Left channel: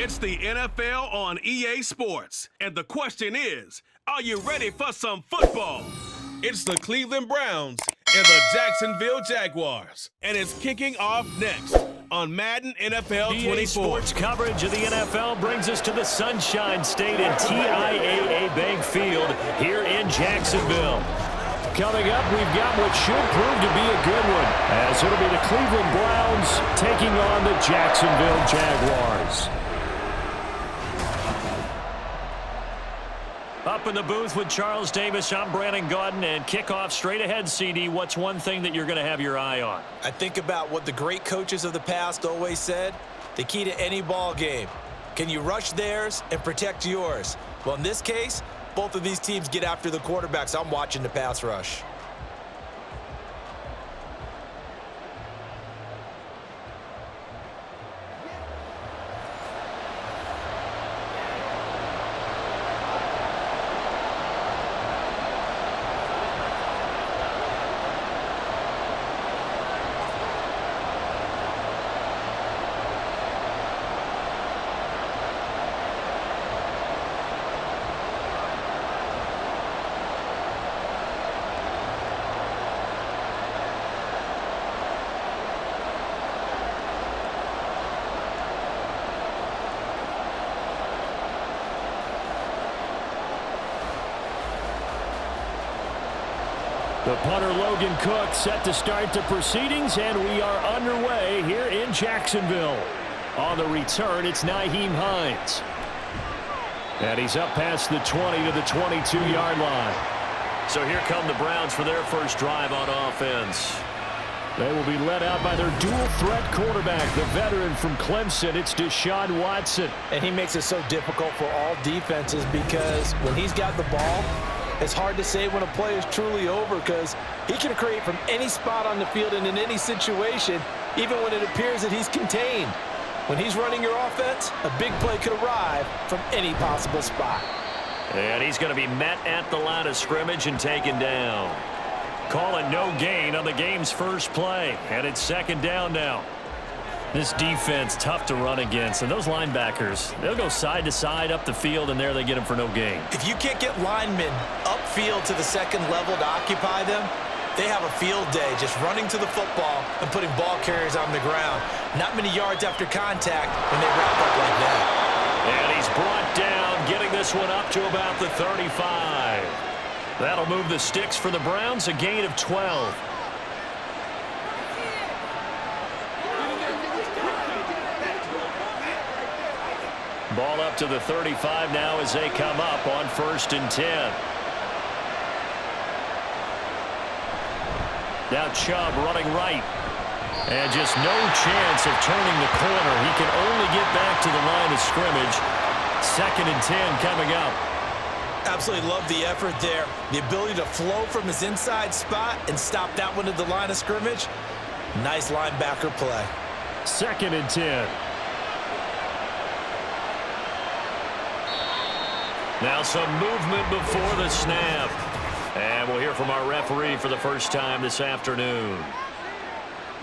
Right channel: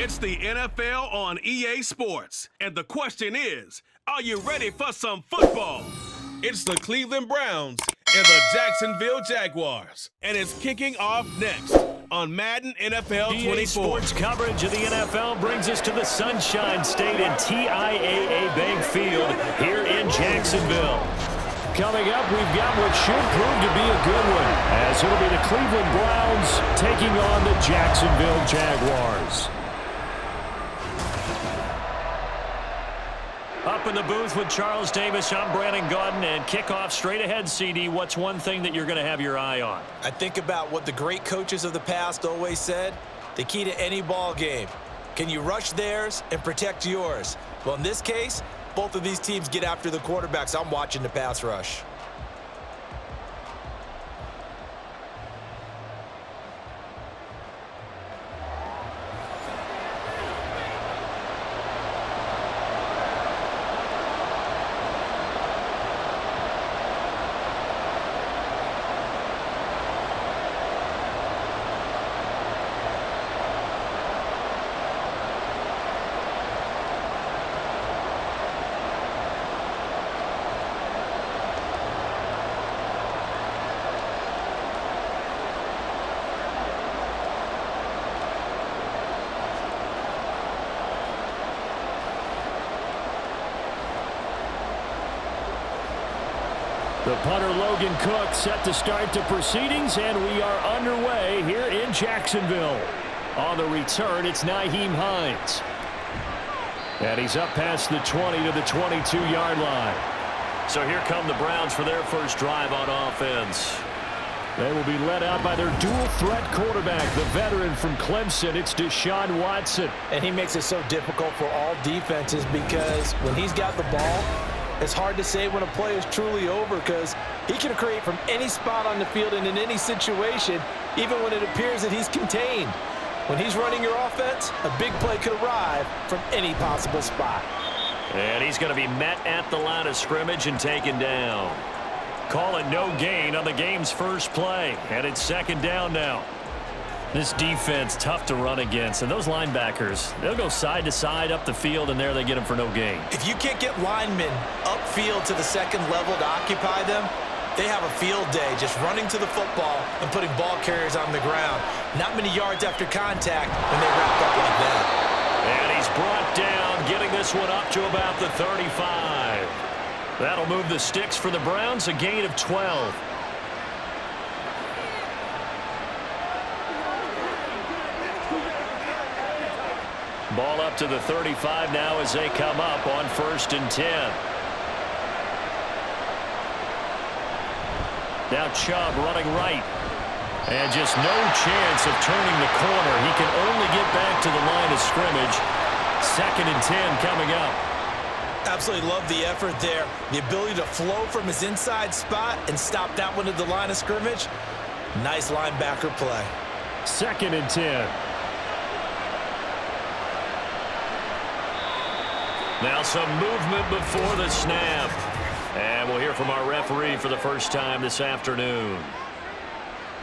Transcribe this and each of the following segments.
It's the NFL on EA Sports. And the question is, are you ready for some football? It's the Cleveland Browns and the Jacksonville Jaguars. And it's kicking off next on Madden NFL 24. EA Sports coverage of the NFL brings us to the Sunshine State and TIAA Bank Field here in Jacksonville. Coming up, we've got what should prove to be a good one, as it'll be the Cleveland Browns taking on the Jacksonville Jaguars. Up in the booth with Charles Davis, I'm Brandon Gaudin, and kickoff straight ahead, CD. What's one thing that you're going to have your eye on? I think about what the great coaches of the past always said. The key to any ball game. Can you rush theirs and protect yours? Well, in this case, both of these teams get after the quarterbacks. I'm watching the pass rush. The punter Logan Cook set to start the proceedings, and we are underway here in Jacksonville. On the return, it's Nyheim Hines. And he's up past the 20 to the 22-yard line. So here come the Browns for their first drive on offense. They will be led out by their dual-threat quarterback, the veteran from Clemson. It's Deshaun Watson. And he makes it so difficult for all defenses because when he's got the ball, it's hard to say when a play is truly over because he can create from any spot on the field and in any situation, even when it appears that he's contained. When he's running your offense, a big play could arrive from any possible spot. And he's going to be met at the line of scrimmage and taken down. Call it no gain on the game's first play, and it's second down now. This defense, tough to run against, and those linebackers, they'll go side to side up the field, and there they get them for no gain. If you can't get linemen upfield to the second level to occupy them, they have a field day just running to the football and putting ball carriers on the ground. Not many yards after contact when they wrap up like that. And he's brought down, getting this one up to about the 35. That'll move the sticks for the Browns, a gain of 12. Ball up to the 35 now as they come up on 1st and 10. Now Chubb running right. And just no chance of turning the corner. He can only get back to the line of scrimmage. 2nd and 10 coming up. Absolutely love the effort there. The ability to flow from his inside spot and stop that one at the line of scrimmage. Nice linebacker play. 2nd and 10. Now some movement before the snap. And we'll hear from our referee for the first time this afternoon.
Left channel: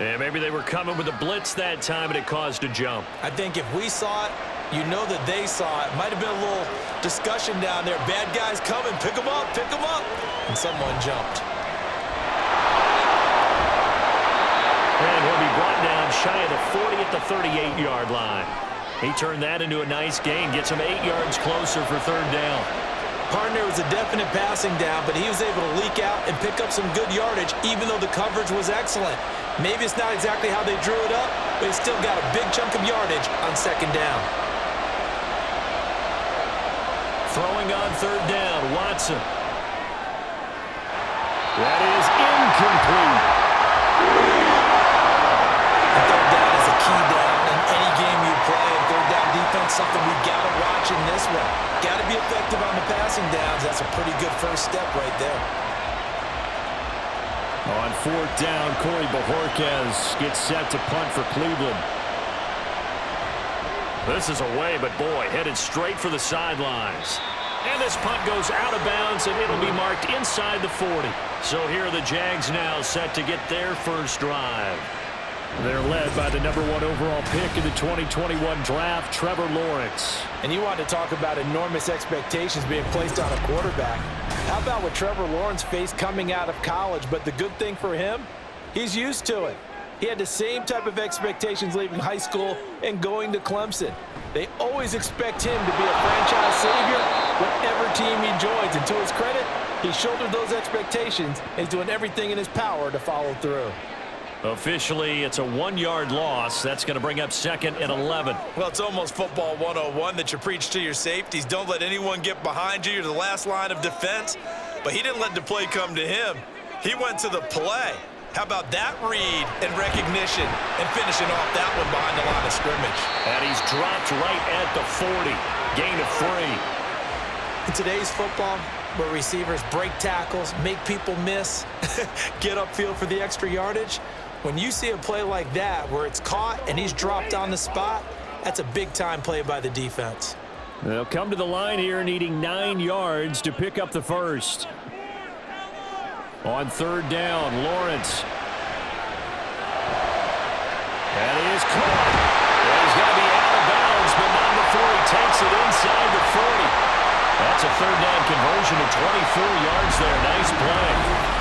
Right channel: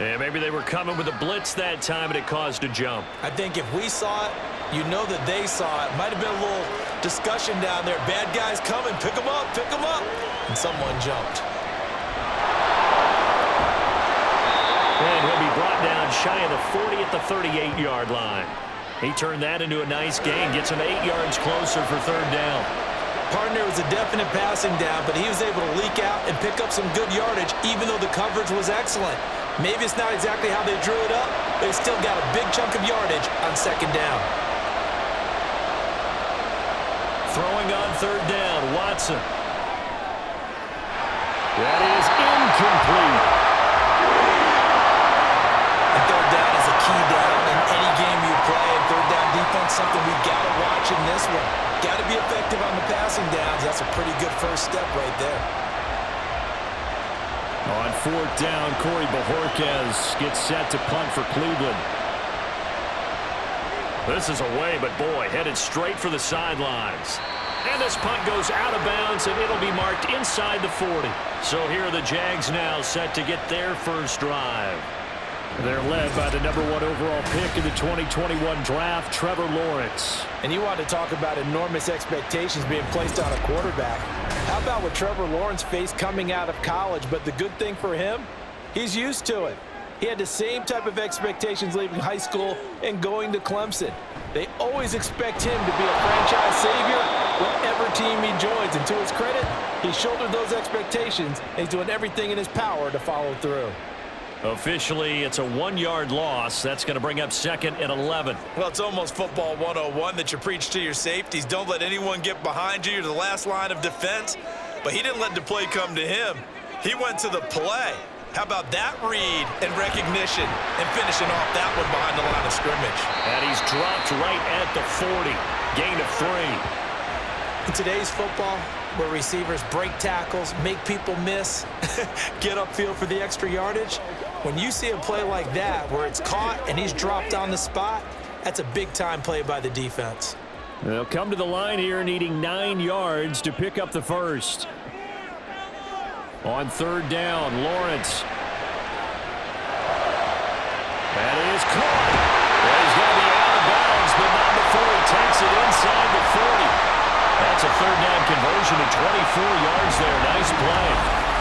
And maybe they were coming with a blitz that time and it caused a jump. I think if we saw it, you know that they saw it. Might have been a little discussion down there. Bad guys coming. Pick them up. Pick them up. And someone jumped. And he'll be brought down shy of the 40 at the 38-yard line. He turned that into a nice gain. Gets him 8 yards closer for 3rd down. Partner was a definite passing down, but he was able to leak out and pick up some good yardage, even though the coverage was excellent. Maybe it's not exactly how they drew it up, but he still got a big chunk of yardage on 2nd down. Throwing on 3rd down, Watson. That is incomplete. And 3rd down is a key down in any game you play, and 3rd down defense, something we've got to watch in this one. Got to be effective on the passing downs. That's a pretty good first step right there. On 4th down, Corey Bojorquez gets set to punt for Cleveland. This is away, but boy, headed straight for the sidelines. And this punt goes out of bounds, and it'll be marked inside the 40. So here are the Jags now set to get their first drive. They're led by the #1 overall pick in the 2021 draft, Trevor Lawrence. And you want to talk about enormous expectations being placed on a quarterback. How about what Trevor Lawrence faced coming out of college? But the good thing for him, he's used to it. He had the same type of expectations leaving high school and going to Clemson. They always expect him to be a franchise savior whatever team he joins. And to his credit, he shouldered those expectations, and he's doing everything in his power to follow through. Officially, it's a 1-yard loss. That's going to bring up 2nd and 11. Well, it's almost football 101 that you preach to your safeties. Don't let anyone get behind you. You're the last line of defense. But he didn't let the play come to him. He went to the play. How about that read and recognition and finishing off that one behind the line of scrimmage? And he's dropped right at the 40. Gain of 3. In today's football, where receivers break tackles, make people miss, get upfield for the extra yardage, when you see a play like that where it's caught and he's dropped on the spot, that's a big-time play by the defense. They'll come to the line here needing 9 yards to pick up the first. On 3rd down, Lawrence. That is caught. Well, he's going to be out of bounds, but not before he takes it inside the 40. That's a 3rd down conversion to 24 yards there. Nice play.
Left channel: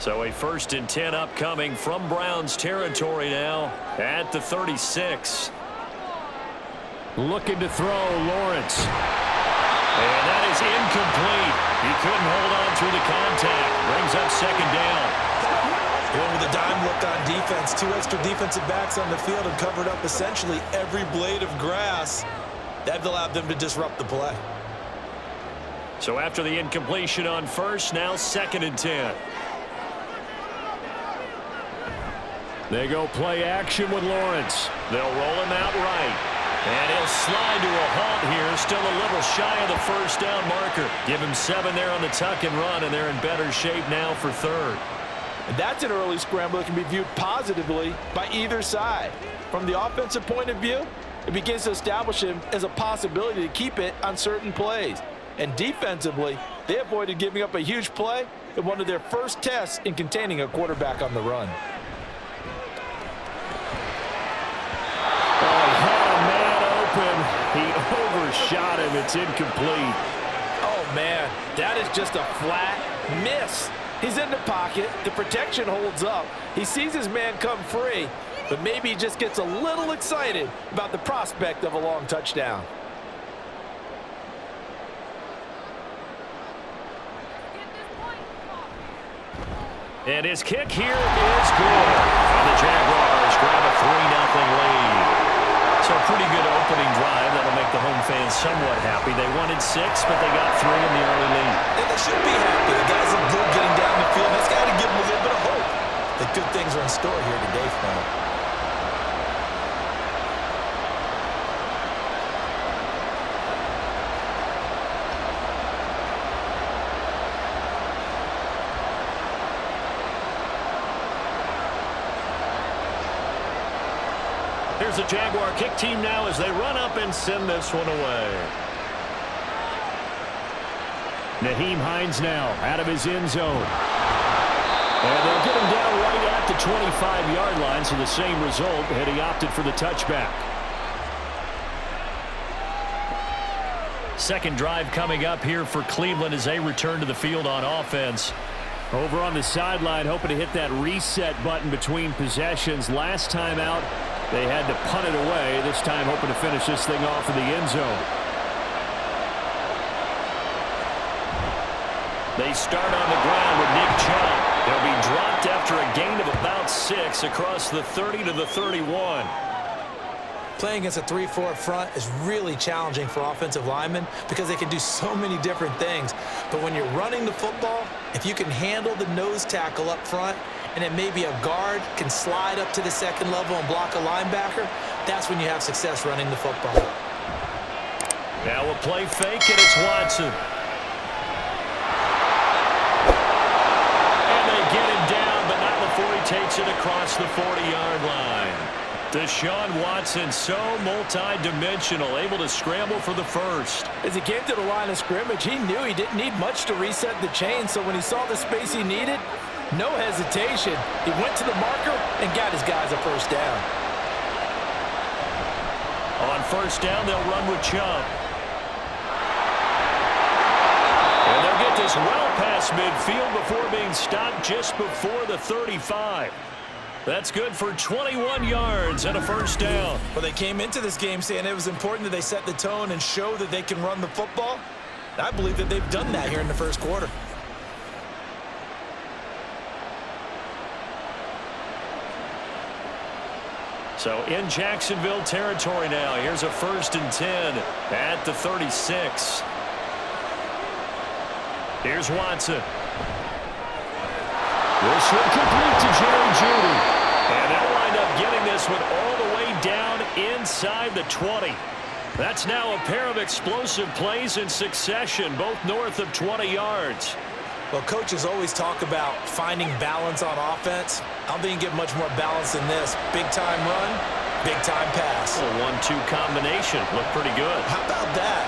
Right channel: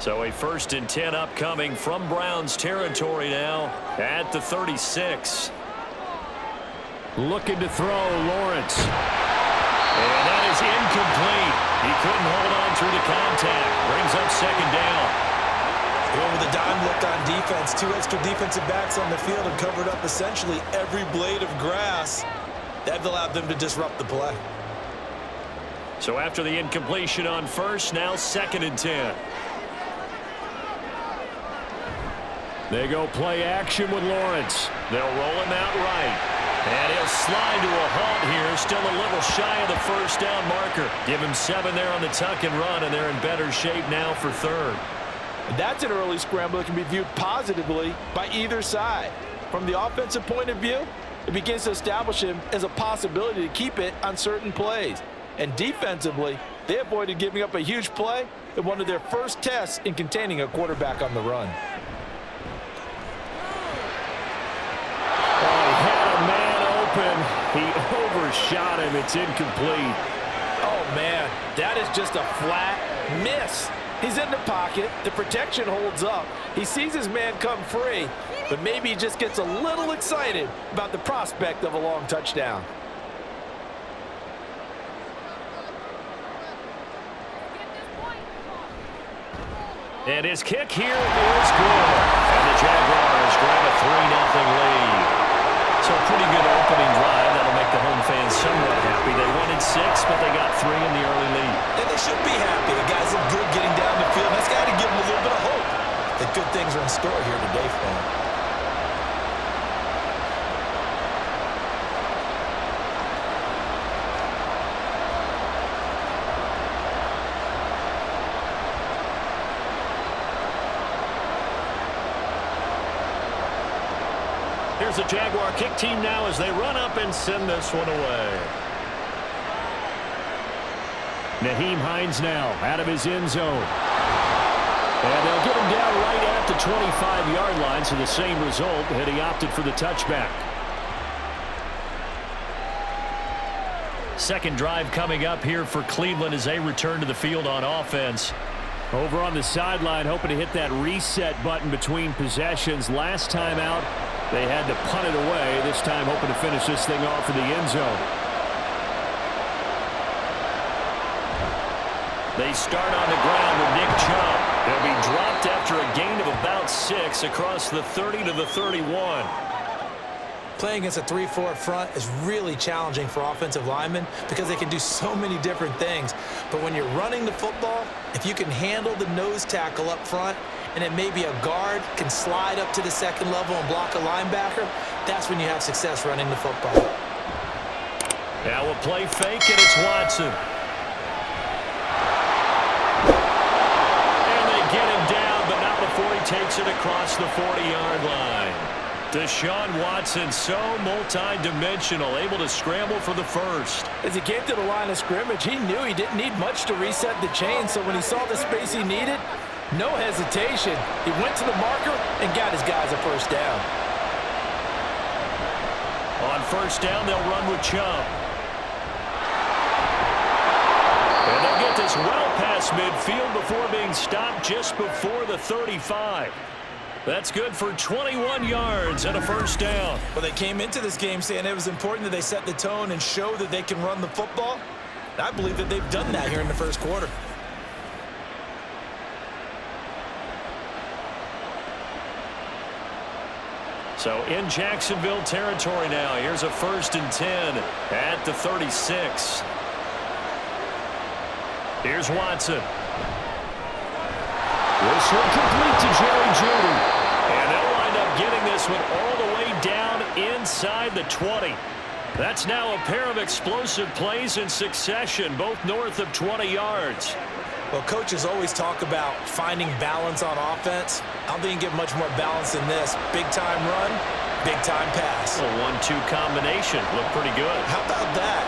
So a 1st and 10 upcoming from Browns territory now at the 36. Looking to throw, Lawrence. And that is incomplete. He couldn't hold on through the contact. Brings up 2nd down. Going with a dime look on defense. 2 extra defensive backs on the field and covered up essentially every blade of grass. That allowed them to disrupt the play. So after the incompletion on 1st, now 2nd and 10. They go play action with Lawrence. They'll roll him out right. And he'll slide to a halt here. Still a little shy of the 1st down marker. Give him 7 there on the tuck and run, and they're in better shape now for 3rd. And that's an early scramble that can be viewed positively by either side. From the offensive point of view, it begins to establish him as a possibility to keep it on certain plays. And defensively, they avoided giving up a huge play in one of their first tests in containing a quarterback on the run. Oh, he had a man open. He overshot him. It's incomplete. Oh, man, that is just a flat miss. He's in the pocket. The protection holds up. He sees his man come free, but maybe he just gets a little excited about the prospect of a long touchdown. And his kick here is good. And the Jaguars grab a 3-0 lead. So a pretty good opening drive. That'll make the home fans somewhat happy. They wanted 6, but they got 3 in the early lead. And they should be happy. The guys look good getting down the field. That's got to give them a little bit of hope that good things are in store here today for them. Here's the Jaguar kick team now as they run up and send this one away. Nyheim Hines now out of his end zone. And they'll get him down right at the 25-yard line, so the same result, and he opted for the touchback. 2nd drive coming up here for Cleveland as they return to the field on offense. Over on the sideline, hoping to hit that reset button between possessions. Last time out, they had to punt it away. This time hoping to finish this thing off in the end zone. They start on the ground with Nick Chubb. They'll be dropped after a gain of about 6 across the 30 to the 31. Playing against a 3-4 front is really challenging for offensive linemen because they can do so many different things. But when you're running the football, if you can handle the nose tackle up front, and then maybe a guard can slide up to the 2nd level and block a linebacker, that's when you have success running the football. Now a play fake, and it's Watson. And they get him down, but not before he takes takes it across the 40-yard line. Deshaun Watson, so multi-dimensional, able to scramble for the first. As he came to the line of scrimmage, he knew he didn't need much to reset the chain, so when he saw the space he needed, no hesitation. He went to the marker and got his guys a first down. On first down, they'll run with Chubb. And they'll get this well past midfield before being stopped just before the 35. That's good for 21 yards and a first down. Well, they came into this game saying it was important that they set the tone and show that they can run the football. I believe that they've done that here in the first quarter. So in Jacksonville territory now. Here's a 1st and 10 at the 36. Here's Watson. This one complete to Jerry Jeudy. And they'll wind up getting this one all the way down inside the 20. That's now a pair of explosive plays in succession, both north of 20 yards. Well, coaches always talk about finding balance on offense. I don't think you get much more balance than this. Big-time run, big-time pass. A 1-2 combination. Looked pretty good. How about that?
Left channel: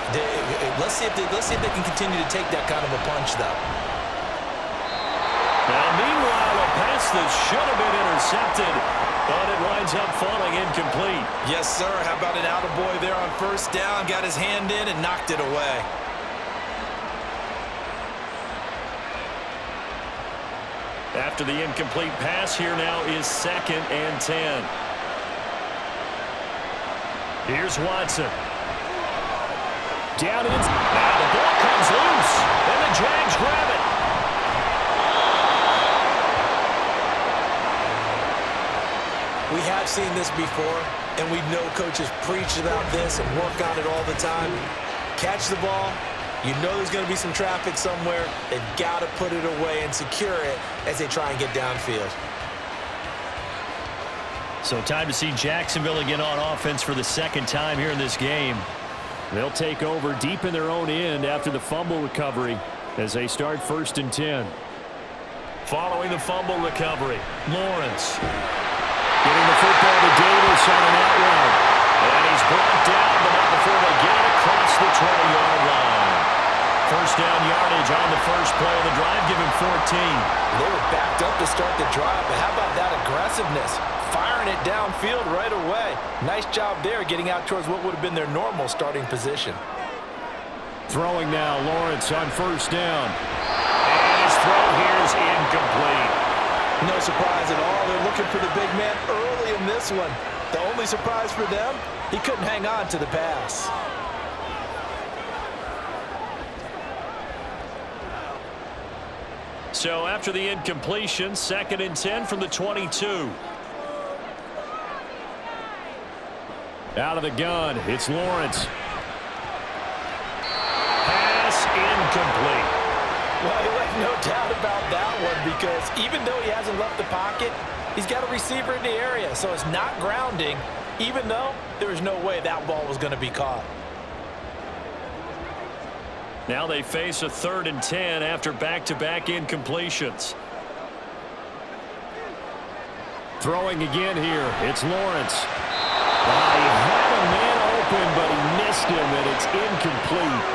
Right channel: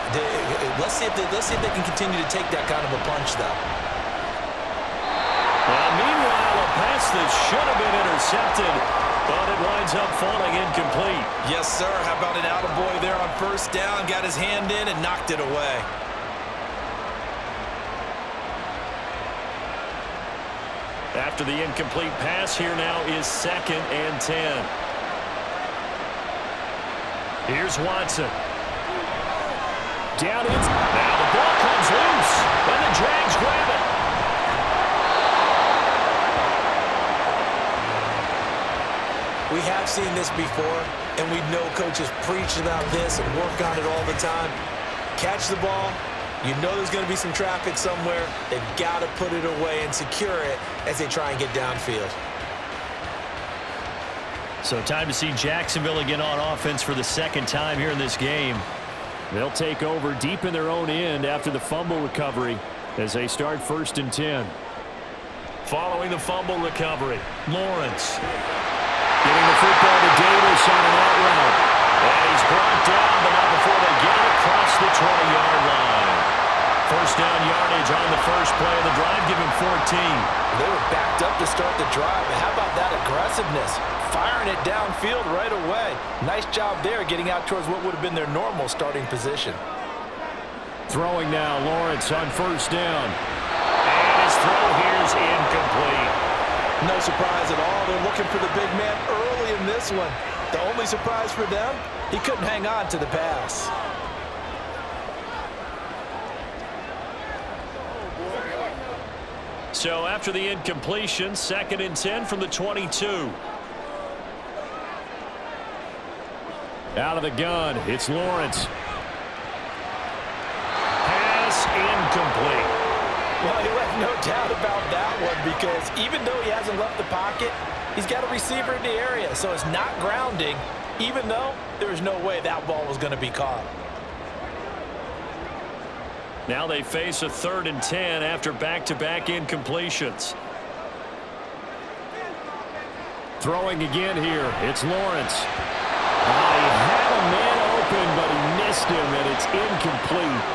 Let's see if they can continue to take that kind of a punch, though. Now, meanwhile, a pass that should have been intercepted, but it winds up falling incomplete. Yes, sir. How about an attaboy there on first down? Got his hand in and knocked it away. After the incomplete pass, here now is 2nd and 10. Here's Watson. Down in. Now the ball comes loose, and the Jags grab it. We have seen this before, and we know coaches preach about this and work on it all the time. Catch the ball. You know there's going to be some traffic somewhere. They've got to put it away and secure it as they try and get downfield. So time to see Jacksonville again on offense for the 2nd time here in this game. They'll take over deep in their own end after the fumble recovery as they start 1st and 10. Following the fumble recovery, Lawrence getting the football to Davis on an out route. And he's brought down, but not before they get it across the 20-yard line. First down yardage on the first play of the drive, give him 14. They were backed up to start the drive, but how about that aggressiveness? Firing it downfield right away. Nice job there getting out towards what would have been their normal starting position. Throwing now, Lawrence on first down. And his throw here is incomplete. No surprise at all. They're looking for the big man early in this one. The only surprise for them, he couldn't hang on to the pass. So after the incompletion, 2nd and 10 from the 22. Out of the gun, it's Lawrence. Pass incomplete. Well, he left no doubt about that one because even though he hasn't left the pocket, he's got a receiver in the area, so it's not grounding, even though there was no way that ball was going to be caught. Now they face a 3rd and 10 after back-to-back incompletions. Throwing again here, it's Lawrence. He had a man open, but he missed him, and it's incomplete.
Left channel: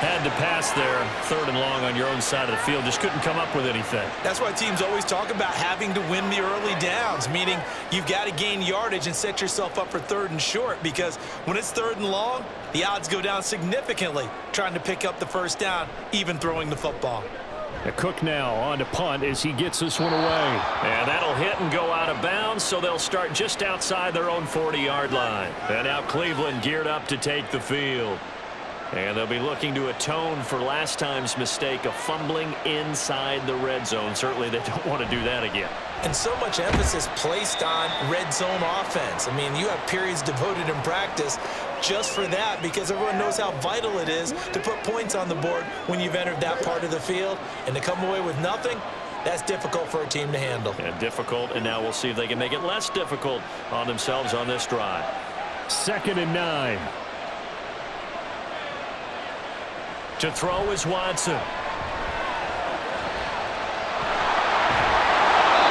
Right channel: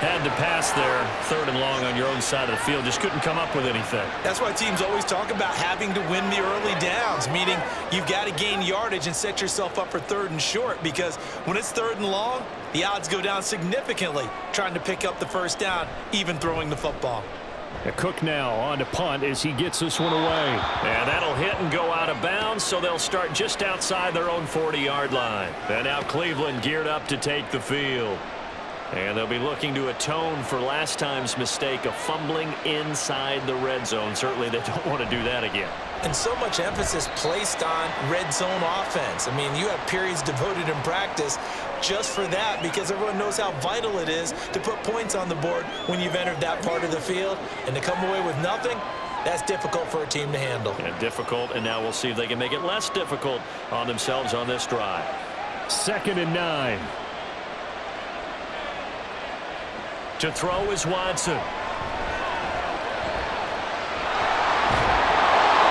Had to pass there, 3rd and long on your own side of the field. Just couldn't come up with anything. That's why teams always talk about having to win the early downs, meaning you've got to gain yardage and set yourself up for 3rd and short, because when it's 3rd and long, the odds go down significantly trying to pick up the first down, even throwing the football. Cook now on to punt as he gets this one away. And that'll hit and go out of bounds, so they'll start just outside their own 40-yard line. And now Cleveland geared up to take the field. And they'll be looking to atone for last time's mistake of fumbling inside the red zone. Certainly they don't want to do that again. And so much emphasis placed on red zone offense. I mean, you have periods devoted in practice just for that because everyone knows how vital it is to put points on the board when you've entered that part of the field. And to come away with nothing, that's difficult for a team to handle. And difficult, and now we'll see if they can make it less difficult on themselves on this drive. 2nd and 9. To throw is Watson.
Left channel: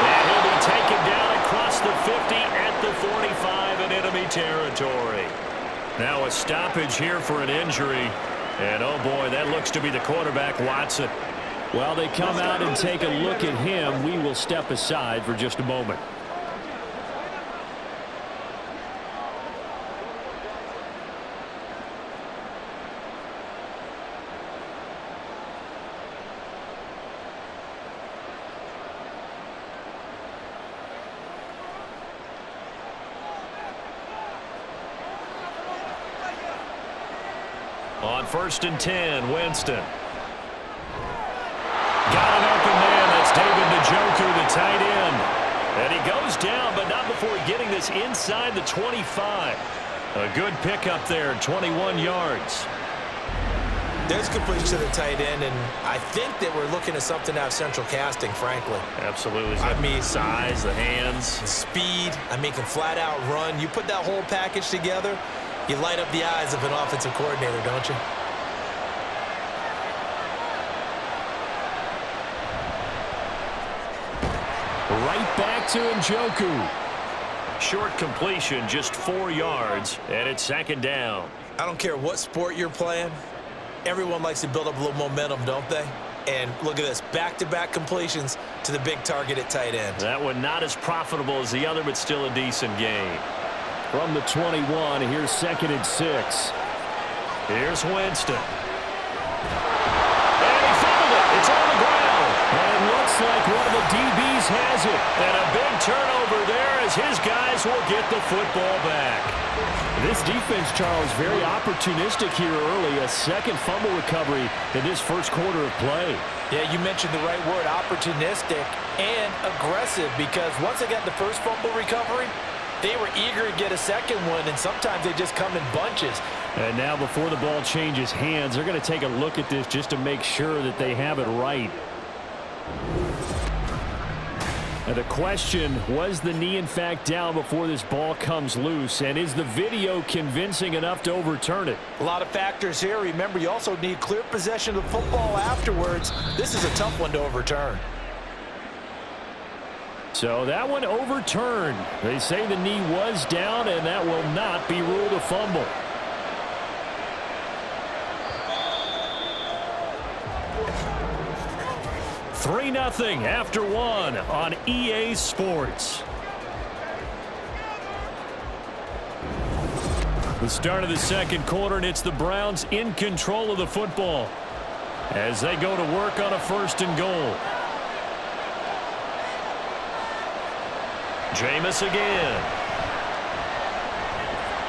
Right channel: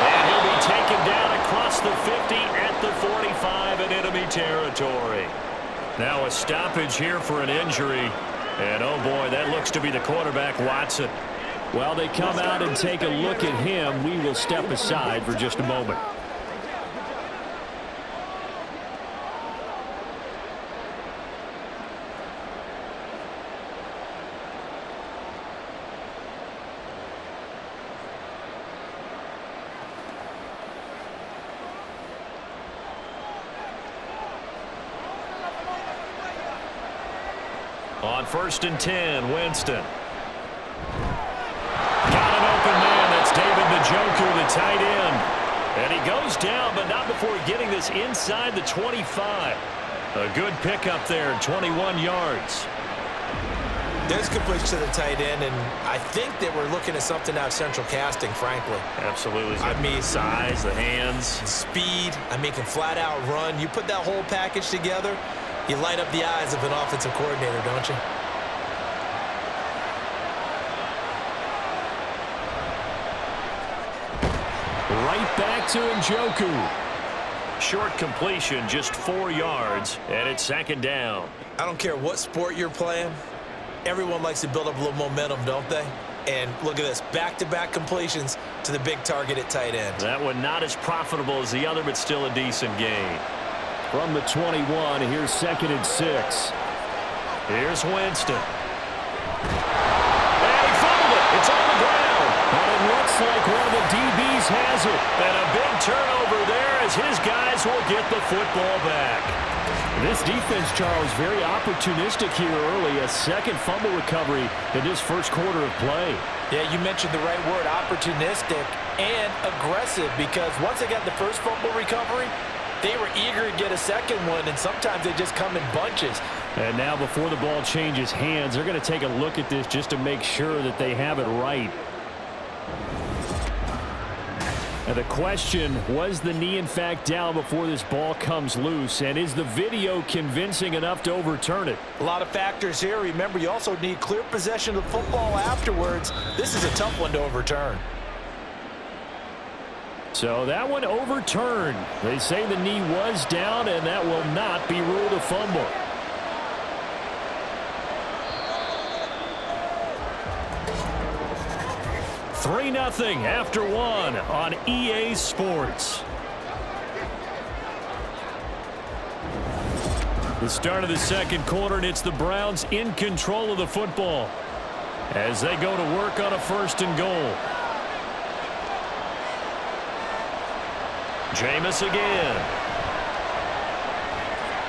And he'll be taken down the 50 at the 45 in enemy territory. Now a stoppage here for an injury. And, oh, boy, that looks to be the quarterback, Watson. While they come out and take a look at him, we will step aside for just a moment. On 1st and 10, Winston. Got an open man. That's David Njoku, the tight end. And he goes down, but not before getting this inside the 25. A good pickup there, 21 yards. There's completion to the tight end, and I think that we're looking at something out of central casting, frankly. Absolutely. I mean, size, the hands. Speed. I mean, can flat out run. You put that whole package together, you light up the eyes of an offensive coordinator, don't you? Right back to Njoku. Short completion, just 4 yards, and it's 2nd down. I don't care what sport you're playing. Everyone likes to build up a little momentum, don't they? And look at this, back-to-back completions to the big target at tight end. That one not as profitable as the other, but still a decent gain. From the 21, here's 2nd and 6. Here's Winston. And he fumbled it. It's on the ground. And it looks like one of the DBs has it. And a big turnover there as his guys will get the football back. This defense, Charles, very opportunistic here early. A second fumble recovery in this first quarter of play. Yeah, you mentioned the right word, opportunistic and aggressive, because once they got the first fumble recovery, they were eager to get a second one, and sometimes they just come in bunches. And now before the ball changes hands, they're going to take a look at this just to make sure that they have it right. And the question, was the knee in fact down before this ball comes loose? And is the video convincing enough to overturn it? A lot of factors here. Remember, you also need clear possession of the football afterwards. This is a tough one to overturn. So that one overturned. They say the knee was down, and that will not be ruled a fumble. Three 0 after one on EA Sports. The start of the second quarter, and it's the Browns in control of the football as they go to work on a 1st and goal. Jameis again.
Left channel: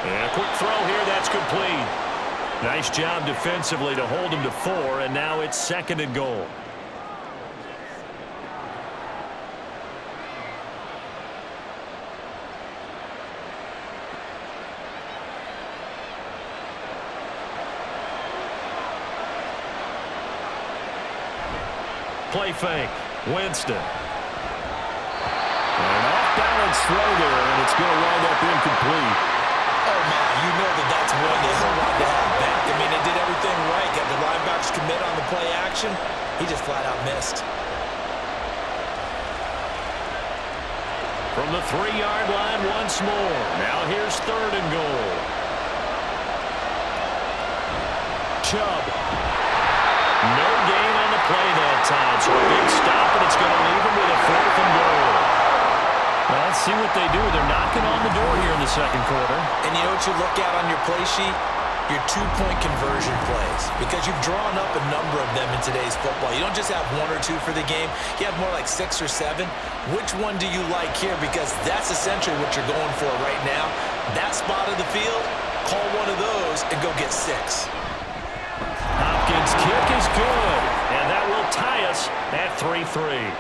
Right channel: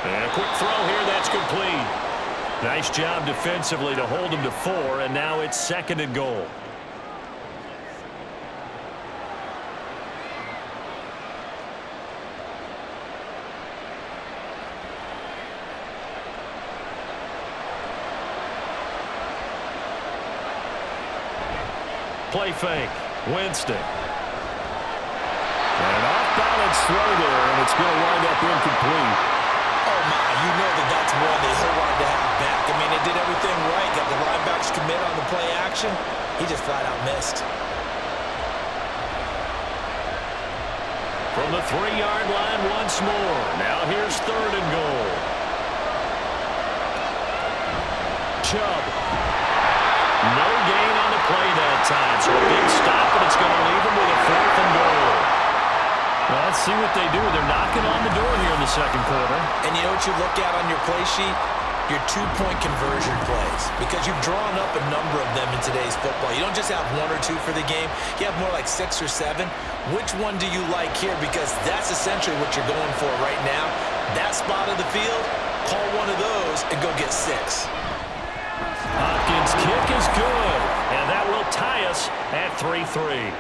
And a quick throw here, that's complete. Nice job defensively to hold him to 4, and now it's 2nd and goal. Play fake. Winston. An off-balance throw there, and it's going to wind up incomplete. Oh, my, you know that's one that he'll want to have back. I mean, they did everything right. Got the linebackers commit on the play action. He just flat-out missed. From the 3-yard line once more. Now here's 3rd and goal. Chubb. No gain on the play that time, so a big stop, and it's going to leave him with a 4th and goal. Well, let's see what they do. They're knocking on the door here in the second quarter. And you know what you look at on your play sheet? Your 2-point conversion plays, because you've drawn up a number of them in today's football. You don't just have 1 or 2 for the game. You have more like 6 or 7. Which one do you like here? Because that's essentially what you're going for right now. That spot of the field, call one of those and go get 6. Hopkins' kick is good, and that will tie us at 3-3.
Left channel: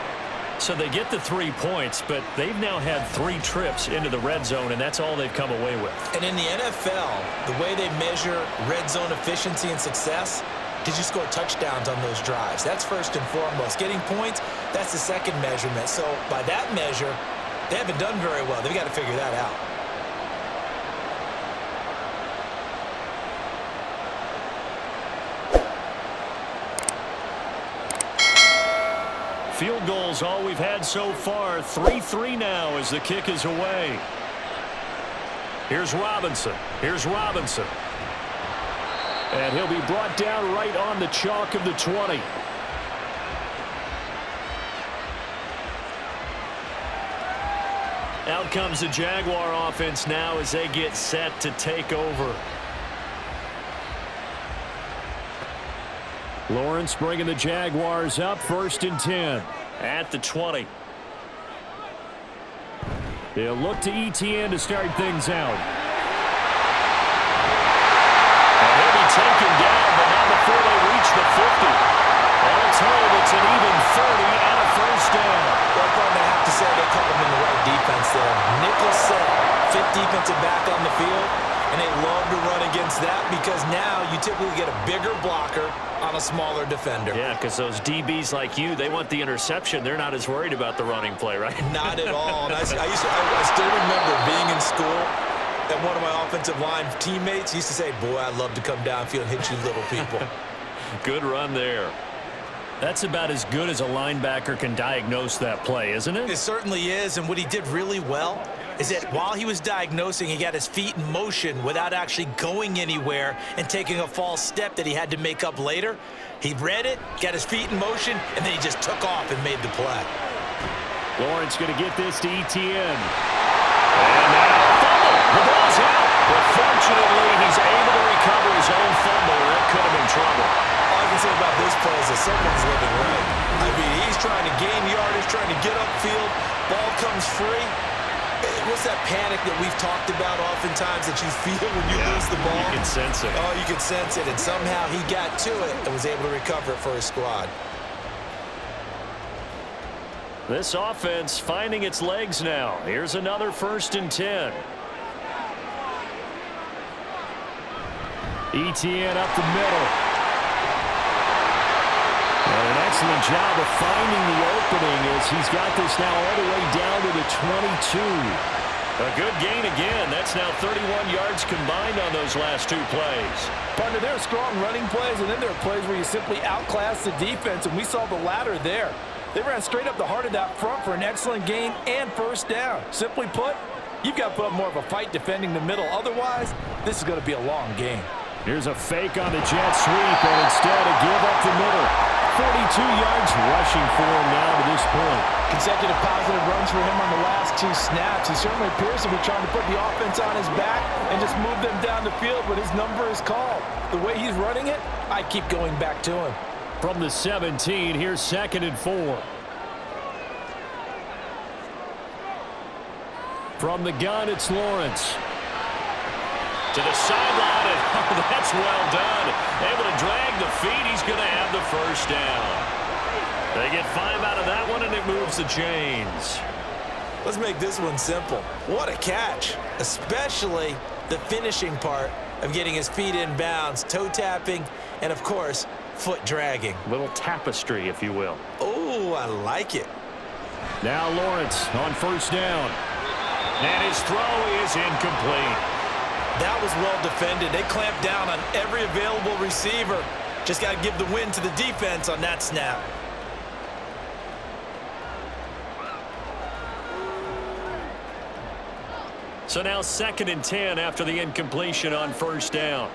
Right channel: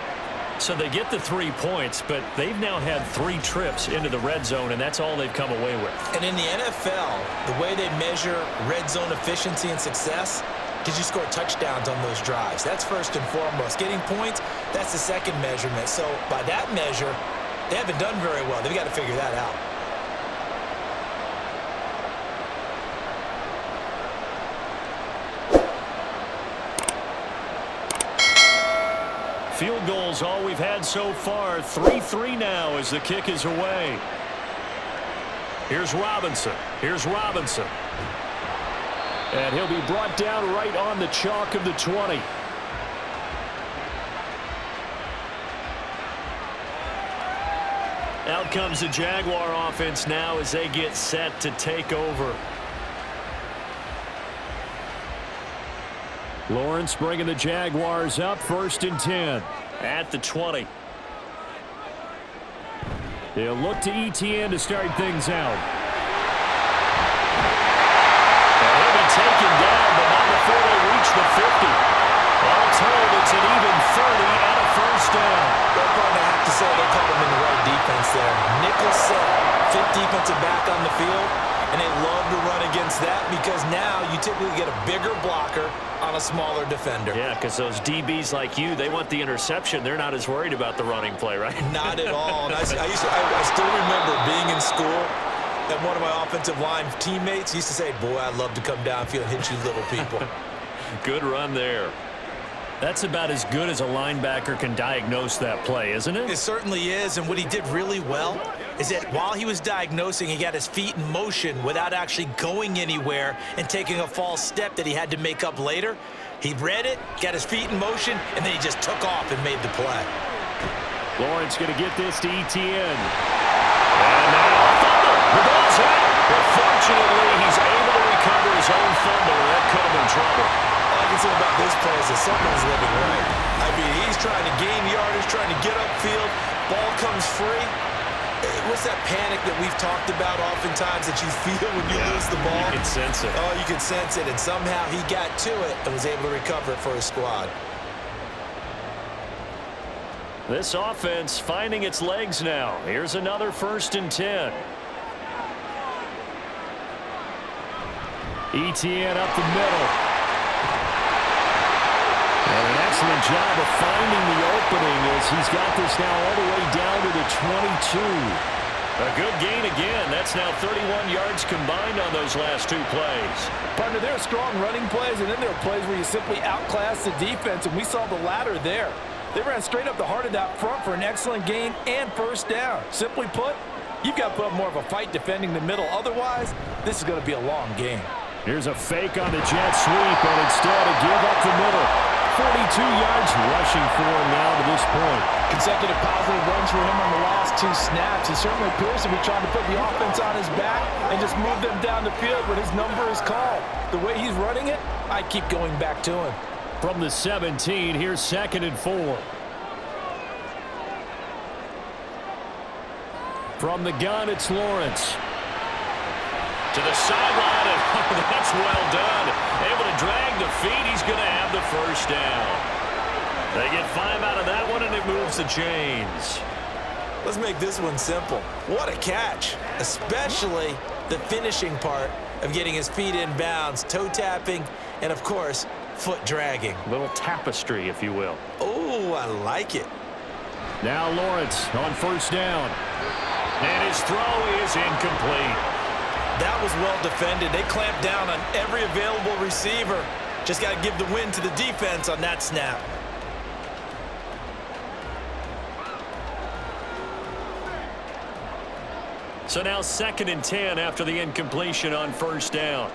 So they get the 3 points, but they've now had 3 trips into the red zone, and that's all they've come away with. And in the NFL, the way they measure red zone efficiency and success, did you score touchdowns on those drives? That's first and foremost. Getting points, that's the second measurement. So by that measure, they haven't done very well. They've got to figure that out. Field goals all we've had so far. 3-3 now as the kick is away. Here's Robinson. And he'll be brought down right on the chalk of the 20. Out comes the Jaguar offense now as they get set to take over. Lawrence bringing the Jaguars up, 1st and 10 at the 20. They'll look to ETN to start things out. And he'll be taken down, but not before they reach the 50. All told, it's an even 30 and a 1st down. Well, Gordon, I have to say they called him in the right defense there. Nickel set, 5th defensive back on the field, and they love to run against that because now you typically get a bigger blocker on a smaller defender. Yeah, because those DBs like you, they want the interception. They're not as worried about the running play, right? Not at all. And I still remember being in school, and one of my offensive line teammates used to say, boy, I'd love to come downfield and hit you little people. Good run there. That's about as good as a linebacker can diagnose that play, isn't it? It certainly is, and what he did really well is that while he was diagnosing, he got his feet in motion without actually going anywhere and taking a false step that he had to make up later. He read it, got his feet in motion, and then he just took off and made the play. Lawrence going to get this to ETN. And now a fumble. The ball's out. But fortunately, he's able to recover his own fumble. That could have been trouble. All I can say about this play is that someone's living right. I mean, he's trying to gain yardage, trying to get upfield. Ball comes free. What's that panic that we've talked about oftentimes that you feel when you lose the ball? You can sense it. Oh, you can sense it. And somehow he got to it and was able to recover it for his squad. This offense finding its legs now. Here's another 1st and 10. ETN up the middle. And an excellent job of finding the opening as he's got this now all the way down to the 22. A good gain again. That's now 31 yards combined on those last 2 plays. Partner, there are strong running plays, and then there are plays where you simply outclass the defense, and we saw the latter there. They ran straight up the heart of that front for an excellent gain and 1st down. Simply put, you've got to put up more of a fight defending the middle. Otherwise, this is going to be a long game. Here's a fake on the jet sweep, and instead a give up the middle. 42 yards rushing for him now to this point. Consecutive positive runs for him on the last 2 snaps. He certainly appears to be trying to put the offense on his back and just move them down the field when his number is called. The way he's running it, I keep going back to him. From the 17, here's 2nd and 4. From the gun, it's Lawrence. To the sideline, and oh, that's well done. Able to drag the feet. He's going to have the 1st down. They get 5 out of that one, and it moves the chains. Let's make this one simple. What a catch, especially the finishing part of getting his feet in bounds, toe tapping, and, of course, foot dragging. Little tapestry, if you will. Oh, I like it. Now Lawrence on 1st down. And his throw is incomplete. That was well defended. They clamped down on every available receiver. Just got to give the win to the defense on that snap. So now 2nd and 10 after the incompletion on 1st down.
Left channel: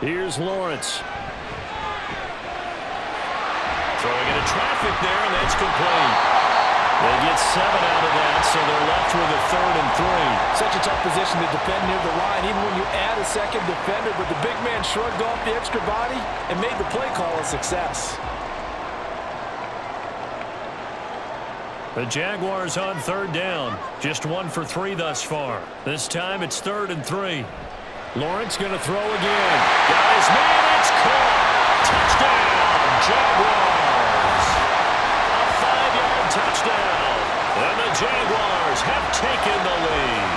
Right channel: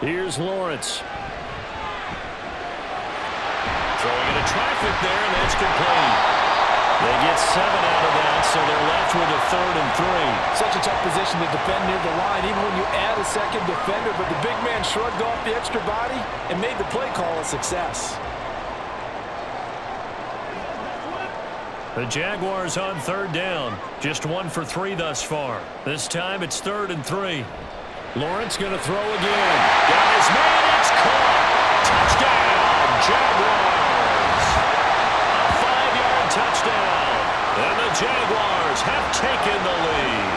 Here's Lawrence. Throwing into traffic there, and that's complete. They get 7 out of that, so they're left with a 3rd and 3. Such a tough position to defend near the line, even when you add a second defender, but the big man shrugged off the extra body and made the play call a success. The Jaguars on 3rd down. Just 1 for 3 thus far. This time it's 3rd and 3. Lawrence going to throw again. Got his man. It's caught. Touchdown, Jaguars. A 5-yard touchdown. And the Jaguars have taken the lead.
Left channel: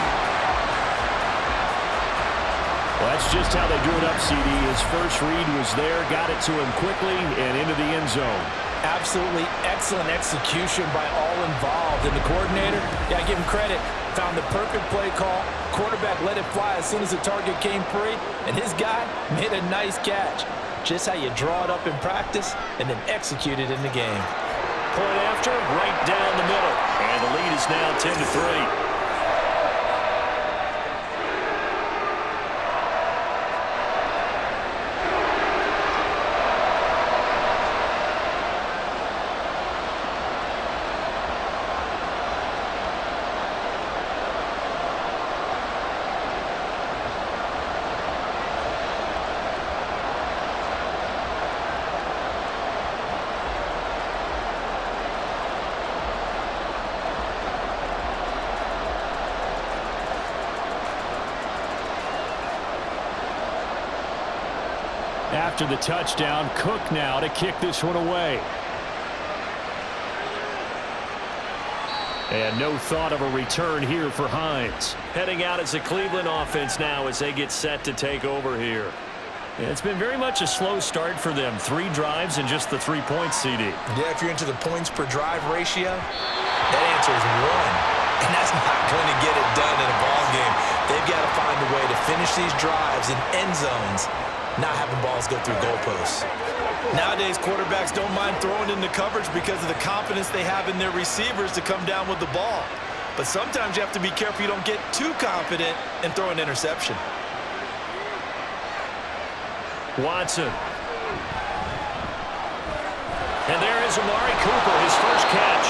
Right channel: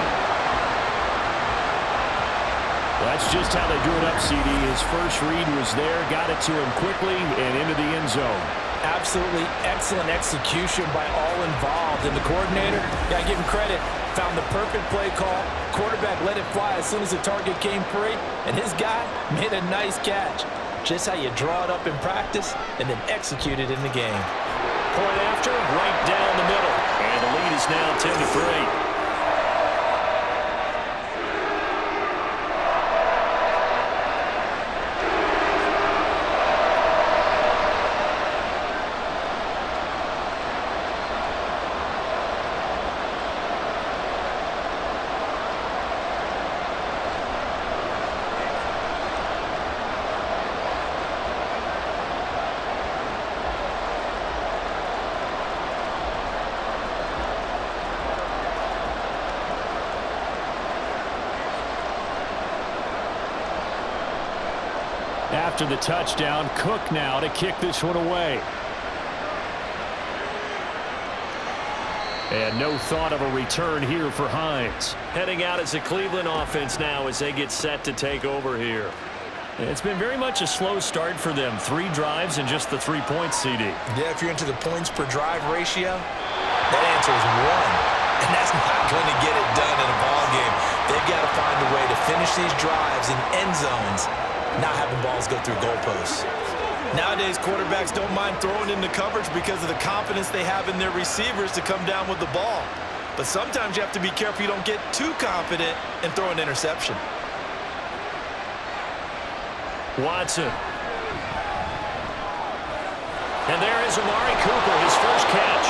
Well, that's just how they drew it up, CD. His first read was there, got it to him quickly, and into the end zone. Absolutely excellent execution by all involved. And the coordinator, yeah, give him credit, found the perfect play call. Quarterback let it fly as soon as the target came free, and his guy made a nice catch. just how you draw it up in practice and then execute it in the game. Point after, right down the middle. And the lead is now 10-3. After the touchdown, Cook now to kick this one away. And no thought of a return here for Hines. Heading out as the Cleveland offense now as they get set to take over here. It's been very much a slow start for them. 3 drives and just the 3 points, CD. Yeah, if you're into the points per drive ratio, that answer is 1. And that's not going to get it done in a ball game. They've got to find a way to finish these drives in end zones, not having balls go through goalposts. Nowadays, quarterbacks don't mind throwing into coverage because of the confidence they have in their receivers to come down with the ball. But sometimes you have to be careful you don't get too confident and throw an interception. Watson. And there is Amari Cooper, his first catch.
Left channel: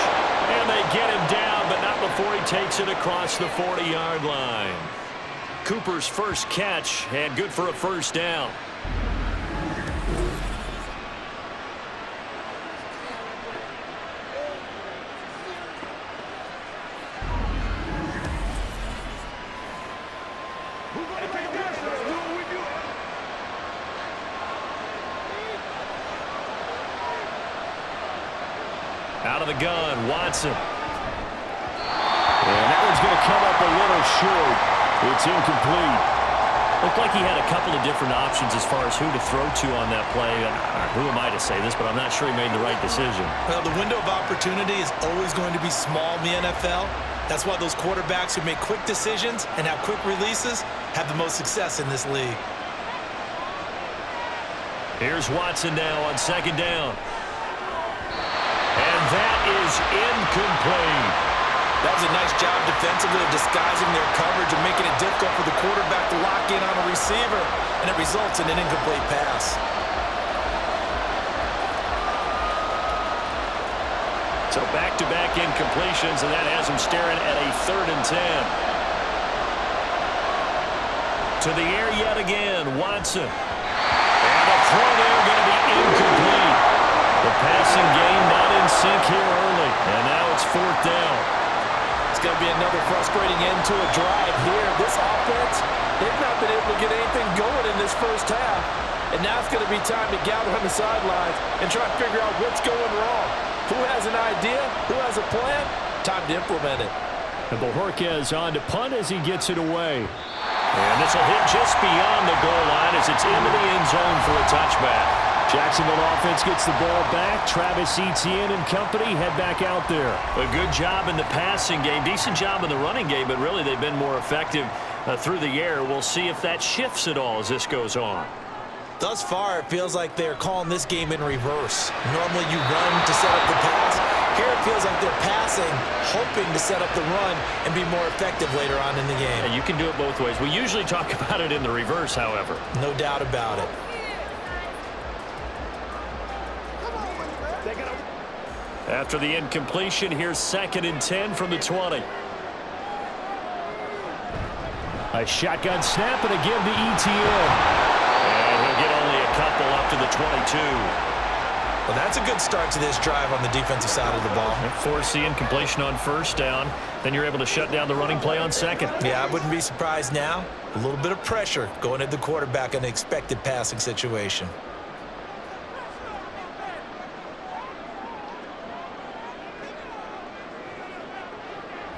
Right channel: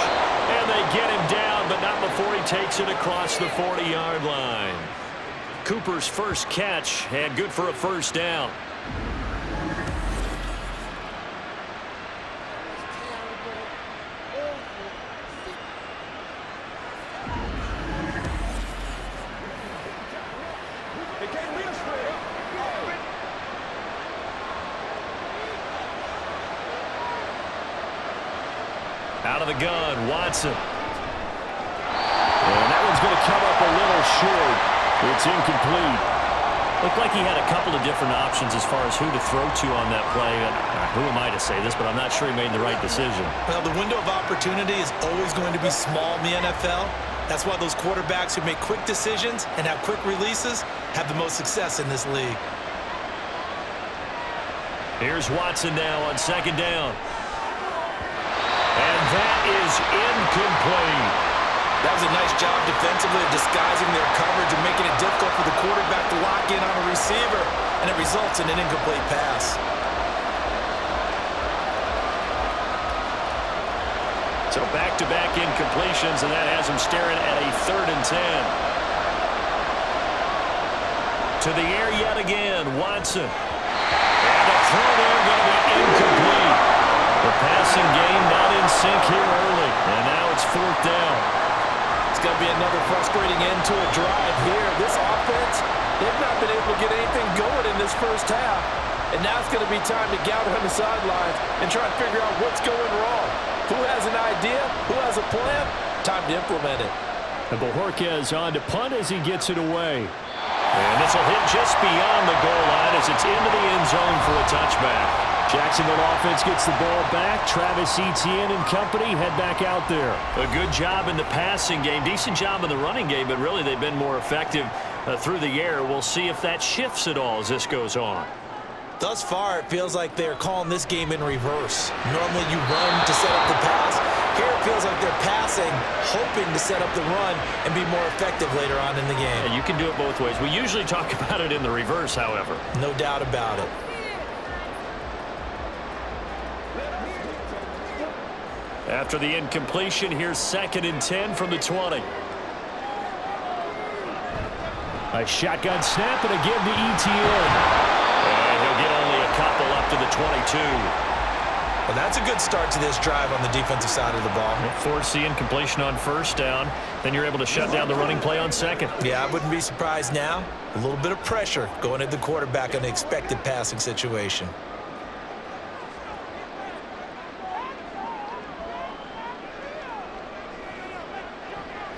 And they get him down, but not before he takes it across the 40-yard line. Cooper's first catch and good for a first down. Out of the gun, Watson. And that one's going to come up a little short. It's incomplete. Looked like he had a couple of different options as far as who to throw to on that play. Who am I to say this, but I'm not sure he made the right decision. Well, the window of opportunity is always going to be small in the NFL. That's why those quarterbacks who make quick decisions and have quick releases have the most success in this league. Here's Watson now on second down. And that is incomplete. That was a nice job defensively of disguising their coverage and making it difficult for the quarterback to lock in on a receiver, and it results in an incomplete pass. So back-to-back incompletions, and that has him staring at a 3rd and 10. To the air yet again, Watson. And the throw there going to be incomplete. The passing game not in sync here early, and now it's 4th down. It's going to be another frustrating end to a drive here. This offense, they've not been able to get anything going in this first half. And now it's going to be time to gather on the sidelines and try to figure out what's going wrong. Who has an idea? Who has a plan? Time to implement it. And Bojorquez on to punt as he gets it away. And this will hit just beyond the goal line as it's into the end zone for a touchback. Jacksonville offense gets the ball back. Travis Etienne and company head back out there. A good job in the passing game. Decent job in the running game, but really they've been more effective through the air. We'll see if that shifts at all as this goes on. Thus far, it feels like they're calling this game in reverse. Normally you run to set up the pass. Here it feels like they're passing, hoping to set up the run and be more effective later on in the game. And you can do it both ways. We usually talk about it in the reverse, however. No doubt about it. After the incompletion, here's 2nd and 10 from the 20. A shotgun snap and a give to Etienne. And he'll get only a couple up to the 22. Well, that's a good start to this drive on the defensive side of the ball. Force the incompletion on first down. Then you're able to shut down the running play on second. Yeah, I wouldn't be surprised now. A little bit of pressure going at the quarterback in an expected passing situation.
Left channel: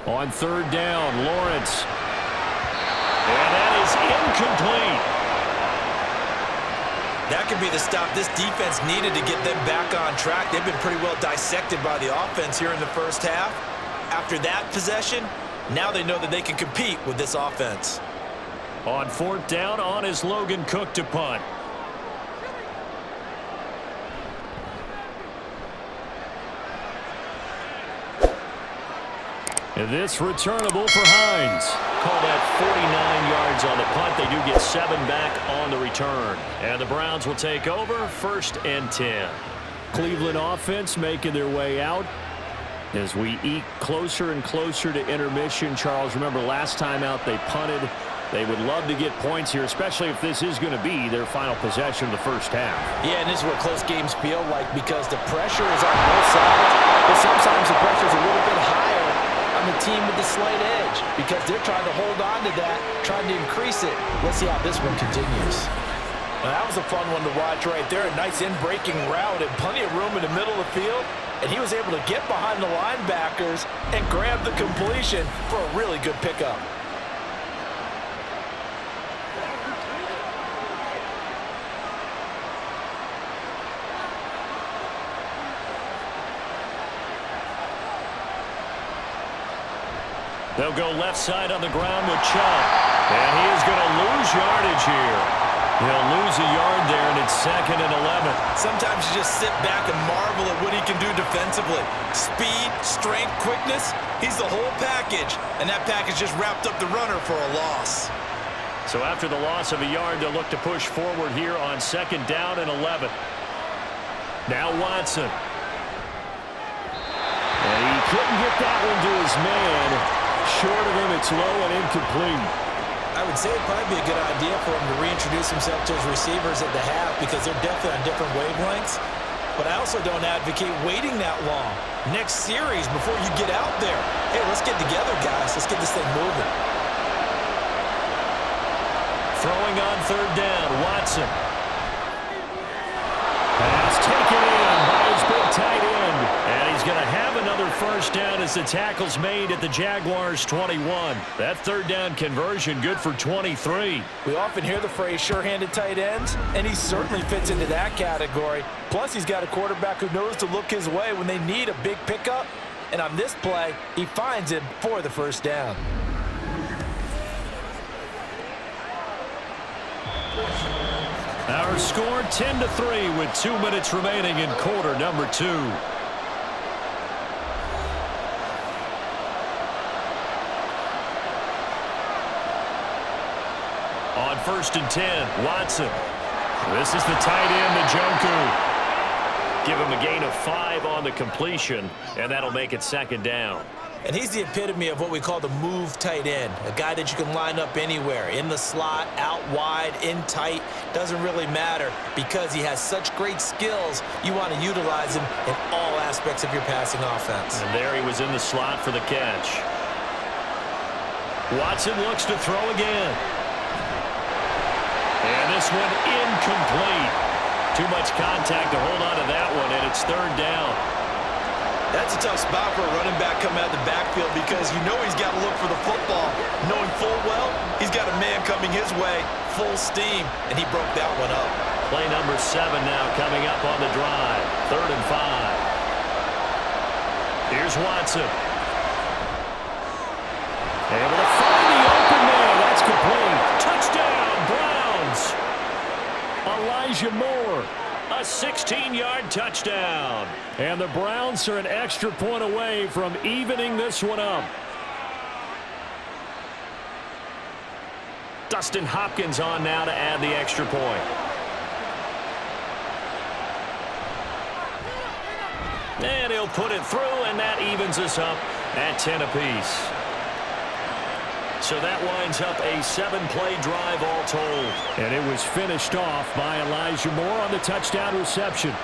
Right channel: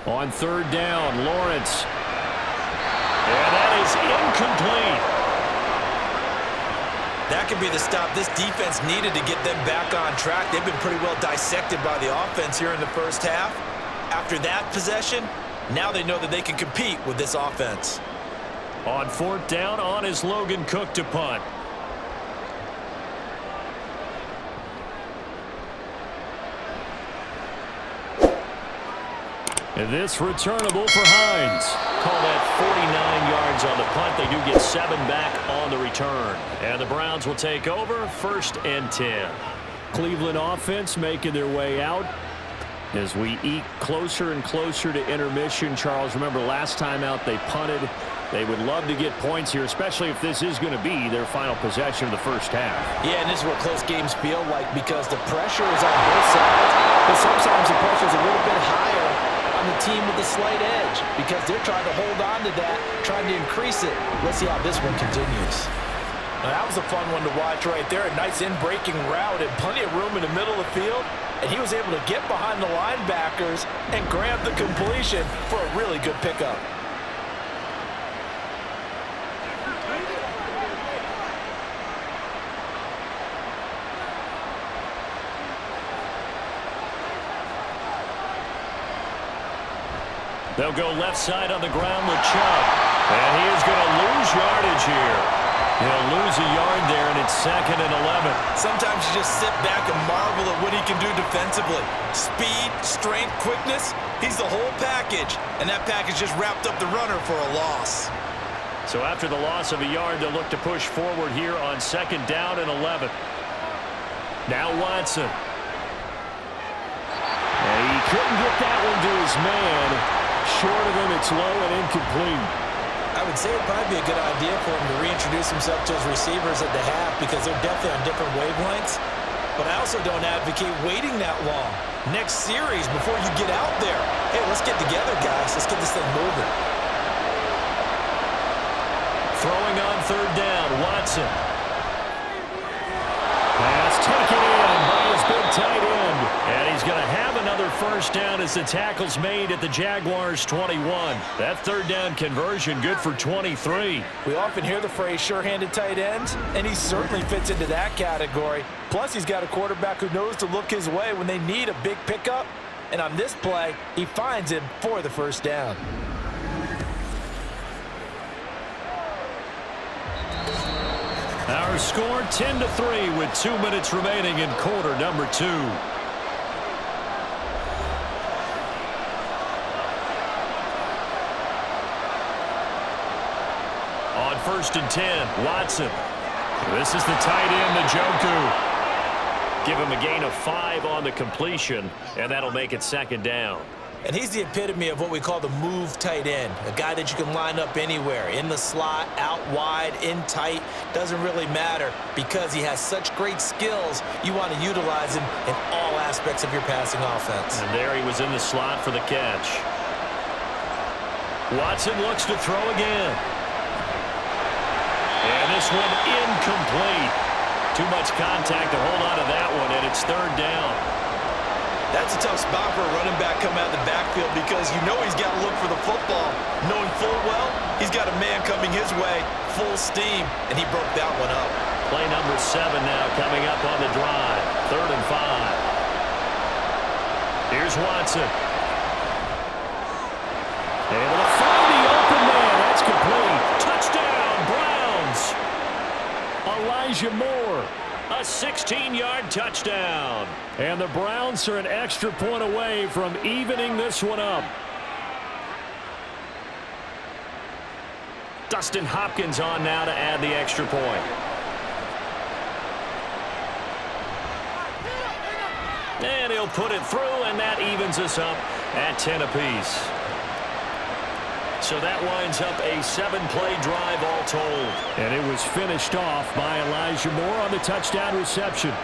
On 3rd down, Lawrence. And that is incomplete. That could be the stop this defense needed to get them back on track. They've been pretty well dissected by the offense here in the first half. After that possession, now they know that they can compete with this offense. On 4th down, on is Logan Cook to punt. And this returnable for Hines. Call that 49 yards on the punt. They do get 7 back on the return. And the Browns will take over 1st and 10. Cleveland offense making their way out as we eke closer and closer to intermission. Charles, remember last time out they punted. They would love to get points here, especially if this is going to be their final possession of the first half. Yeah, and this is what close games feel like because the pressure is on both sides, but sometimes the pressure is a little bit higher on the team with the slight edge because they're trying to hold on to that, trying to increase it. Let's see how this one continues. Well, that was a fun one to watch right there. A nice in-breaking route and plenty of room in the middle of the field. And he was able to get behind the linebackers and grab the completion for a really good pickup. They'll go left side on the ground with Chubb. And he is going to lose yardage here. He'll lose a yard there, and it's 2nd and 11. Sometimes you just sit back and marvel at what he can do defensively. Speed, strength, quickness, he's the whole package. And that package just wrapped up the runner for a loss. So after the loss of a yard, they'll look to push forward here on 2nd down and 11. Now Watson. And he couldn't get that one to his man. Short of him, it's low and incomplete. I would say it'd probably be a good idea for him to reintroduce himself to his receivers at the half because they're definitely on different wavelengths. But I also don't advocate waiting that long. Next series, before you get out there, hey, let's get together, guys. Let's get this thing moving. Throwing on 3rd down, Watson. Pass taken in by his big tight end. And he's going to have another first down as the tackle's made at the Jaguars' 21. That 3rd down conversion good for 23. We often hear the phrase sure-handed tight ends, and he certainly fits into that category. Plus, he's got a quarterback who knows to look his way when they need a big pickup. And on this play, he finds it for the first down. Our score 10-3 with 2 minutes remaining in quarter number 2. On 1st and 10, Watson. This is the tight end, Njoku. Give him a gain of 5 on the completion, and that'll make it 2nd down. And he's the epitome of what we call the move tight end, a guy that you can line up anywhere, in the slot, out wide, in tight, doesn't really matter because he has such great skills. You want to utilize him in all aspects of your passing offense. And there he was in the slot for the catch. Watson looks to throw again. And this one incomplete. Too much contact to hold on to that one, and it's 3rd down. That's a tough spot for a running back coming out of the backfield because you know he's got to look for the football, knowing full well he's got a man coming his way, full steam, and he broke that one up. Play number 7 now coming up on the drive. 3rd and 5. Here's Watson. Able to find the open man. That's complete. Touchdown, Browns. Elijah Moore. A 16-yard touchdown. And the Browns are an extra point away from evening this one up. Dustin Hopkins on now to add the extra point. And he'll put it through, and that evens us up at 10 apiece. So that winds up a 7-play drive all told. And it was finished off by Elijah Moore on the touchdown reception.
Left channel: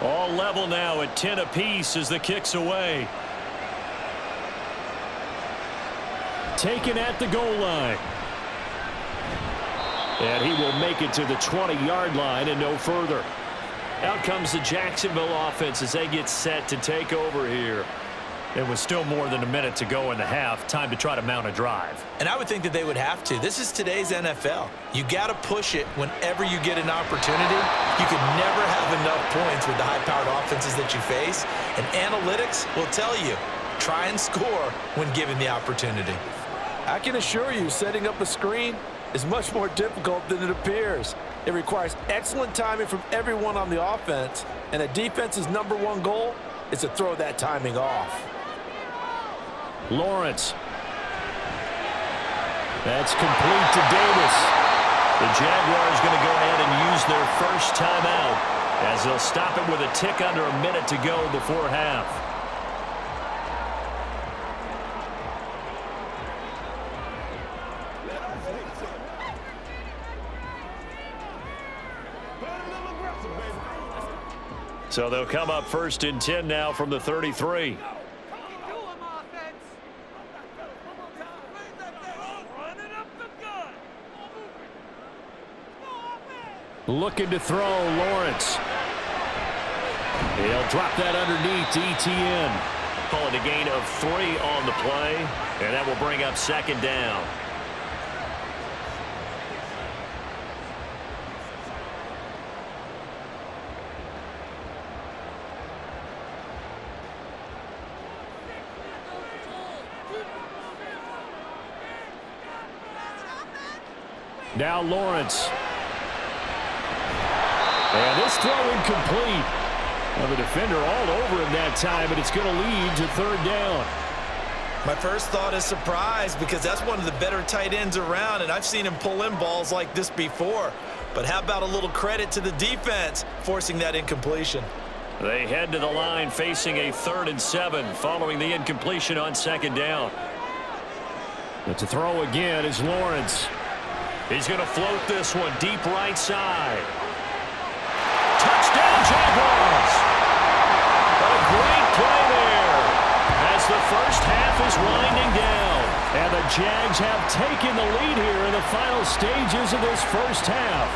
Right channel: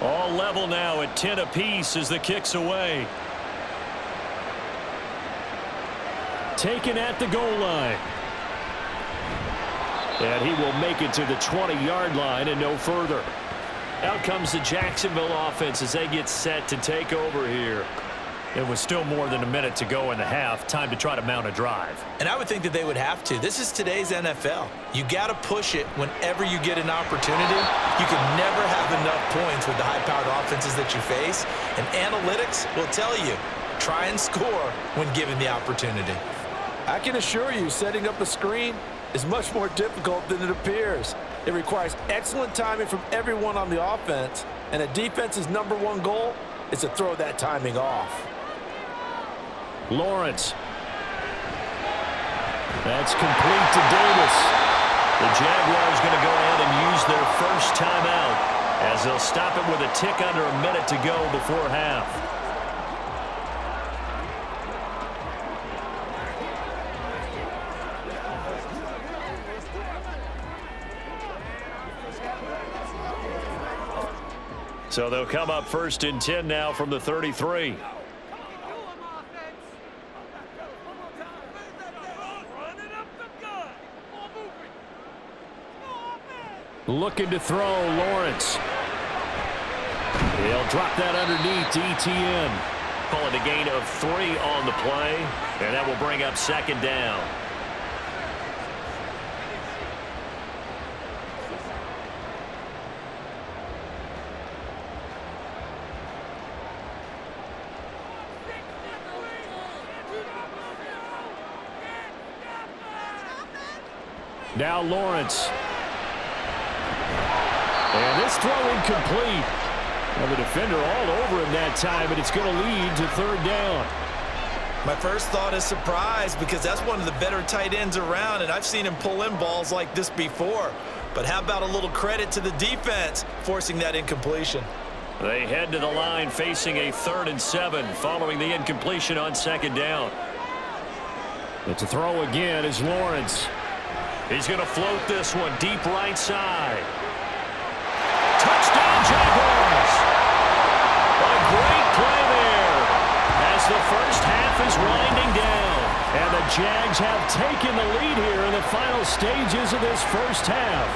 All level now at 10 apiece as the kick's away. Taken at the goal line. And he will make it to the 20-yard line and no further. Out comes the Jacksonville offense as they get set to take over here. It was still more than a minute to go in the half. Time to try to mount a drive. And I would think that they would have to. This is today's NFL. You got to push it whenever you get an opportunity. You can never have enough points with the high-powered offenses that you face. And analytics will tell you, try and score when given the opportunity. I can assure you, setting up a screen is much more difficult than it appears. It requires excellent timing from everyone on the offense, and a defense's #1 goal is to throw that timing off. Lawrence. That's complete to Davis. The Jaguars going to go ahead and use their first timeout as they'll stop it with a tick under a minute to go before half. So they'll come up 1st and 10 now from the 33. Looking to throw, Lawrence. He'll drop that underneath to ETN. Call it a gain of 3 on the play, and that will bring up 2nd down. Now Lawrence. And this throw incomplete. Well, the defender all over him that time, but it's going to lead to 3rd down. My first thought is surprise because that's one of the better tight ends around, and I've seen him pull in balls like this before. But how about a little credit to the defense forcing that incompletion? They head to the line facing a 3rd and 7 following the incompletion on 2nd down. But to throw again is Lawrence. He's going to float this one deep right side. Touchdown, Jaguars! A great play there as the first half is winding down. And the Jags have taken the lead here in the final stages of this first half.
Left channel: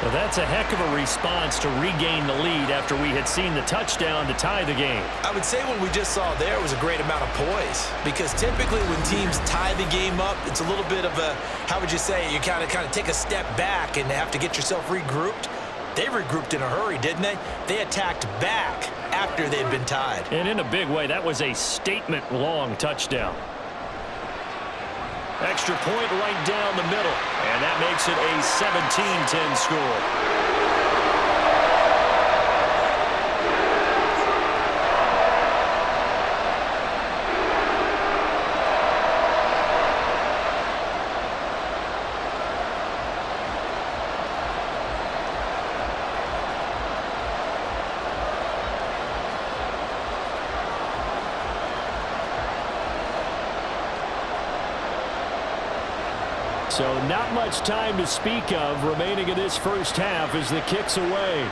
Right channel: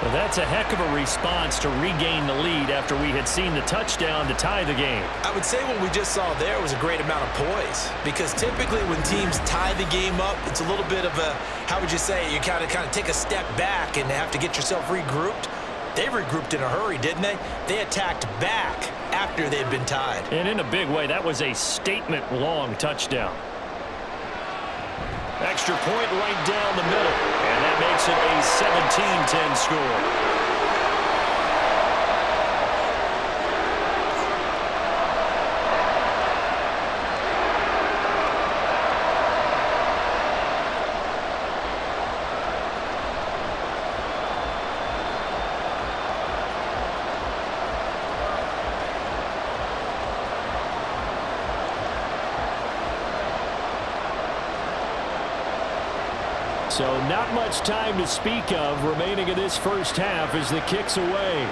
Well, that's a heck of a response to regain the lead after we had seen the touchdown to tie the game. I would say what we just saw there was a great amount of poise because typically when teams tie the game up, it's a little bit of a, how would you say, you kind of take a step back and have to get yourself regrouped. They regrouped in a hurry, didn't they? They attacked back after they'd been tied. And in a big way, that was a statement-long touchdown. Extra point right down the middle, and that makes it a 17-10 score. So not much time to speak of remaining in this first half as the kick's away.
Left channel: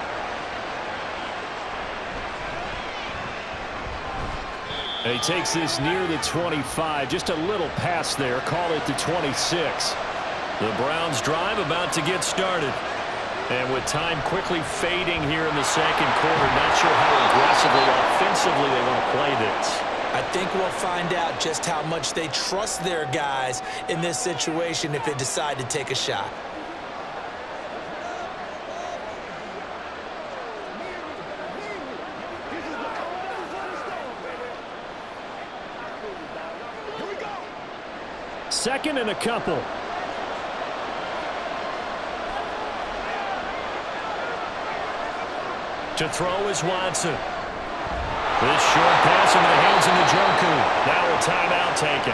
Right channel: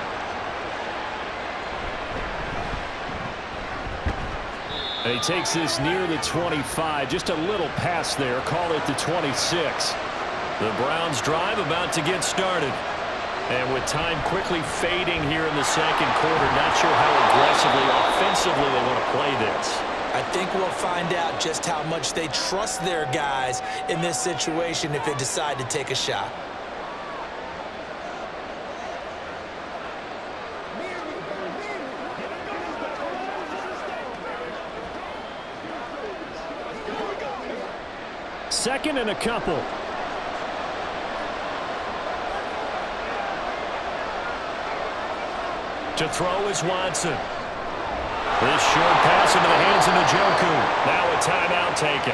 And he takes this near the 25. Just a little pass there. Call it the 26. The Browns drive about to get started. And with time quickly fading here in the second quarter, not sure how aggressively, offensively they want to play this. I think we'll find out just how much they trust their guys in this situation if they decide to take a shot. Second and a couple. To throw is Watson. This short pass into the hands of Njoku. Now a timeout taken.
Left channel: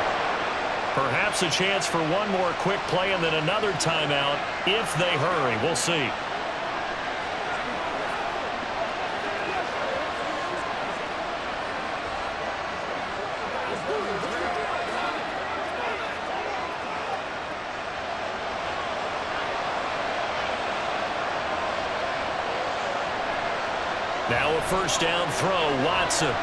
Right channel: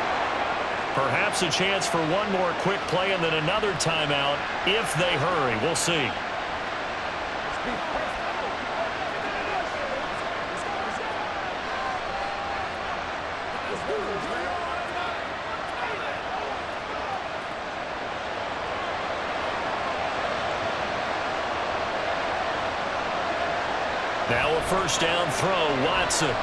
Perhaps a chance for one more quick play and then another timeout if they hurry. We'll see. Now a first down throw, Watson.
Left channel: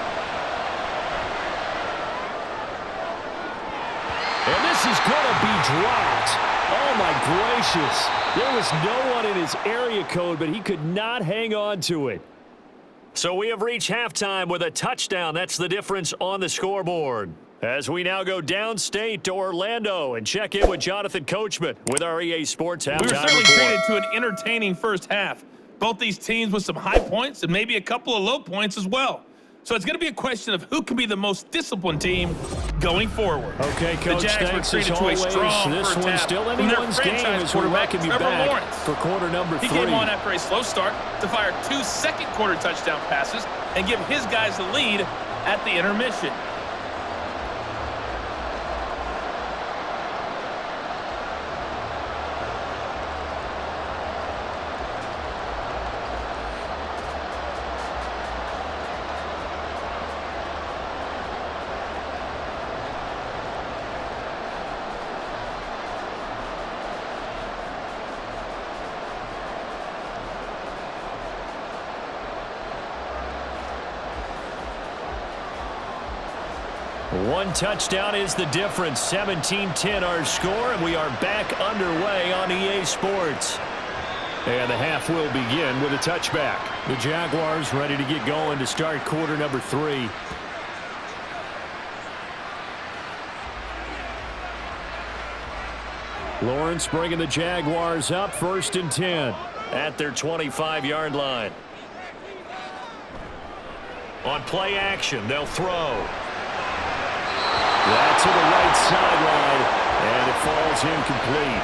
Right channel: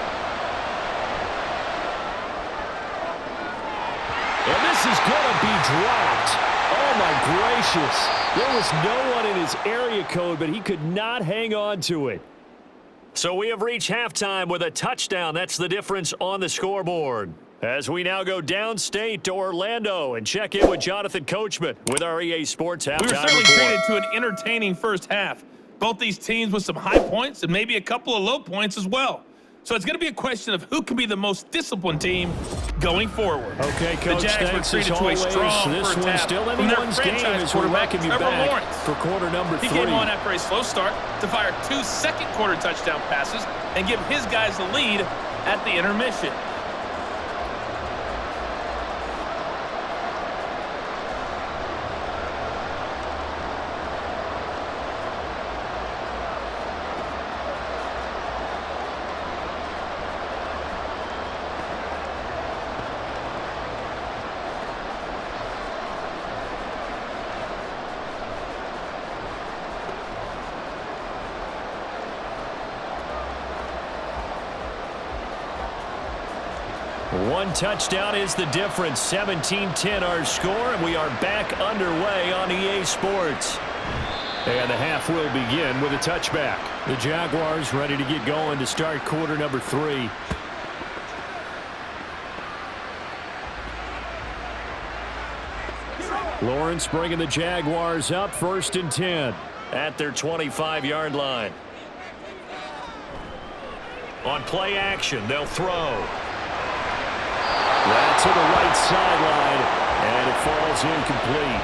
And this is going to be dropped. Oh, my gracious. There was no one in his area code, but he could not hang on to it. So we have reached halftime with a touchdown. That's the difference on the scoreboard. As we now go downstate to Orlando and check in with Jonathan Coachman with our EA Sports halftime We were certainly report. treated to an entertaining first half. Both these teams with some high points and maybe a couple of low points as well. So it's going to be a question of who can be the most disciplined team going forward. Okay, Coach, the Jags were thanks treated as to a always. strong This first one's half still from their anyone's game franchise as we quarterback, welcome you Trevor back Lawrence. for quarter number 3. He came on after a slow start to fire 2 second-quarter touchdown passes and give his guys the lead at the intermission. One touchdown is the difference. 17-10 our score, and we are back underway on EA Sports. And the half will begin with a touchback. The Jaguars ready to get going to start quarter number 3. Lawrence bringing the Jaguars up 1st and 10 at their 25-yard line. On play action, they'll throw. That's to the right sideline, and it falls incomplete.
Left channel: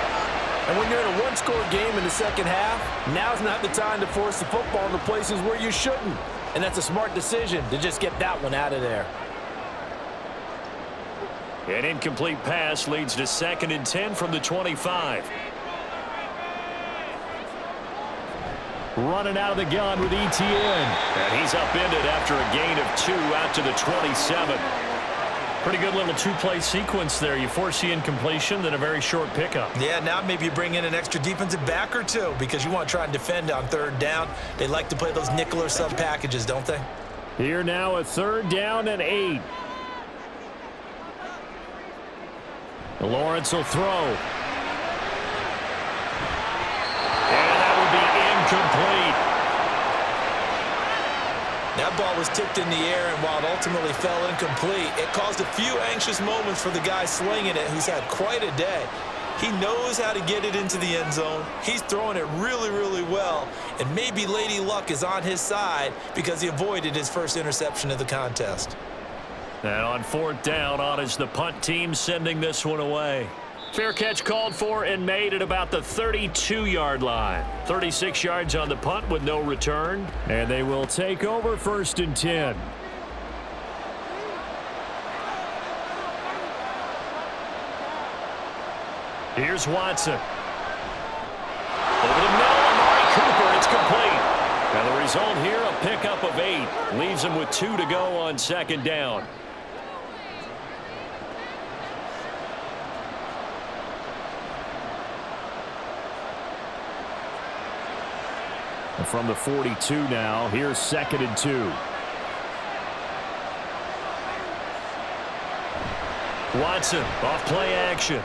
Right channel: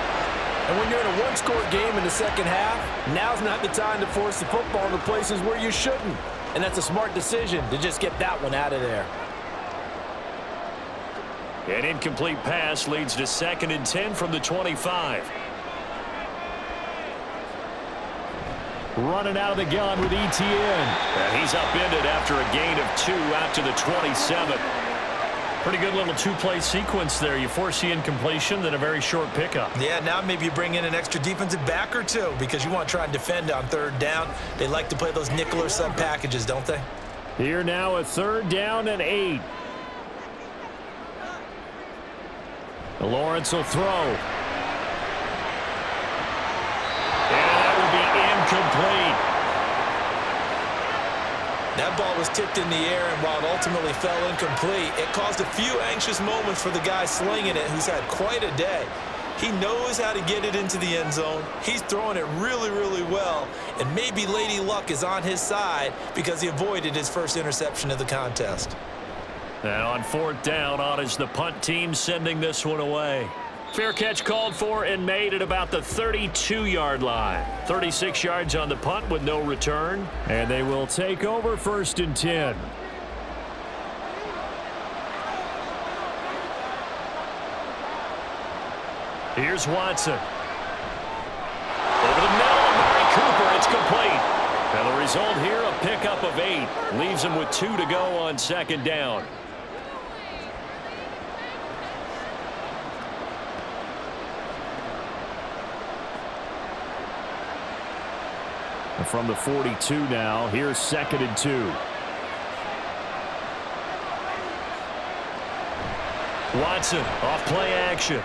And when you're in a one-score game in the second half, now's not the time to force the football into places where you shouldn't. And that's a smart decision to just get that one out of there. An incomplete pass leads to 2nd and 10 from the 25. Running out of the gun with Etienne. And he's upended after a gain of 2 out to the 27. Pretty good little 2-play sequence there. You force the incompletion, then a very short pickup. Yeah, now maybe you bring in an extra defensive back or 2 because you want to try and defend on 3rd down. They like to play those nickel or sub packages, don't they? Here now a 3rd down and 8. Lawrence will throw. And that will be incomplete. That ball was tipped in the air, and while it ultimately fell incomplete, it caused a few anxious moments for the guy slinging it, who's had quite a day. He knows how to get it into the end zone. He's throwing it really, really well, and maybe Lady Luck is on his side because he avoided his first interception of the contest. And on 4th down, on is the punt team sending this one away. Fair catch called for and made at about the 32-yard line. 36 yards on the punt with no return. And they will take over 1st and 10. Here's Watson. Over the middle, Amari Cooper. It's complete. And the result here, a pickup of 8. Leaves him with 2 to go on 2nd down. And from the 42 now, here's 2nd and 2. Watson off play action.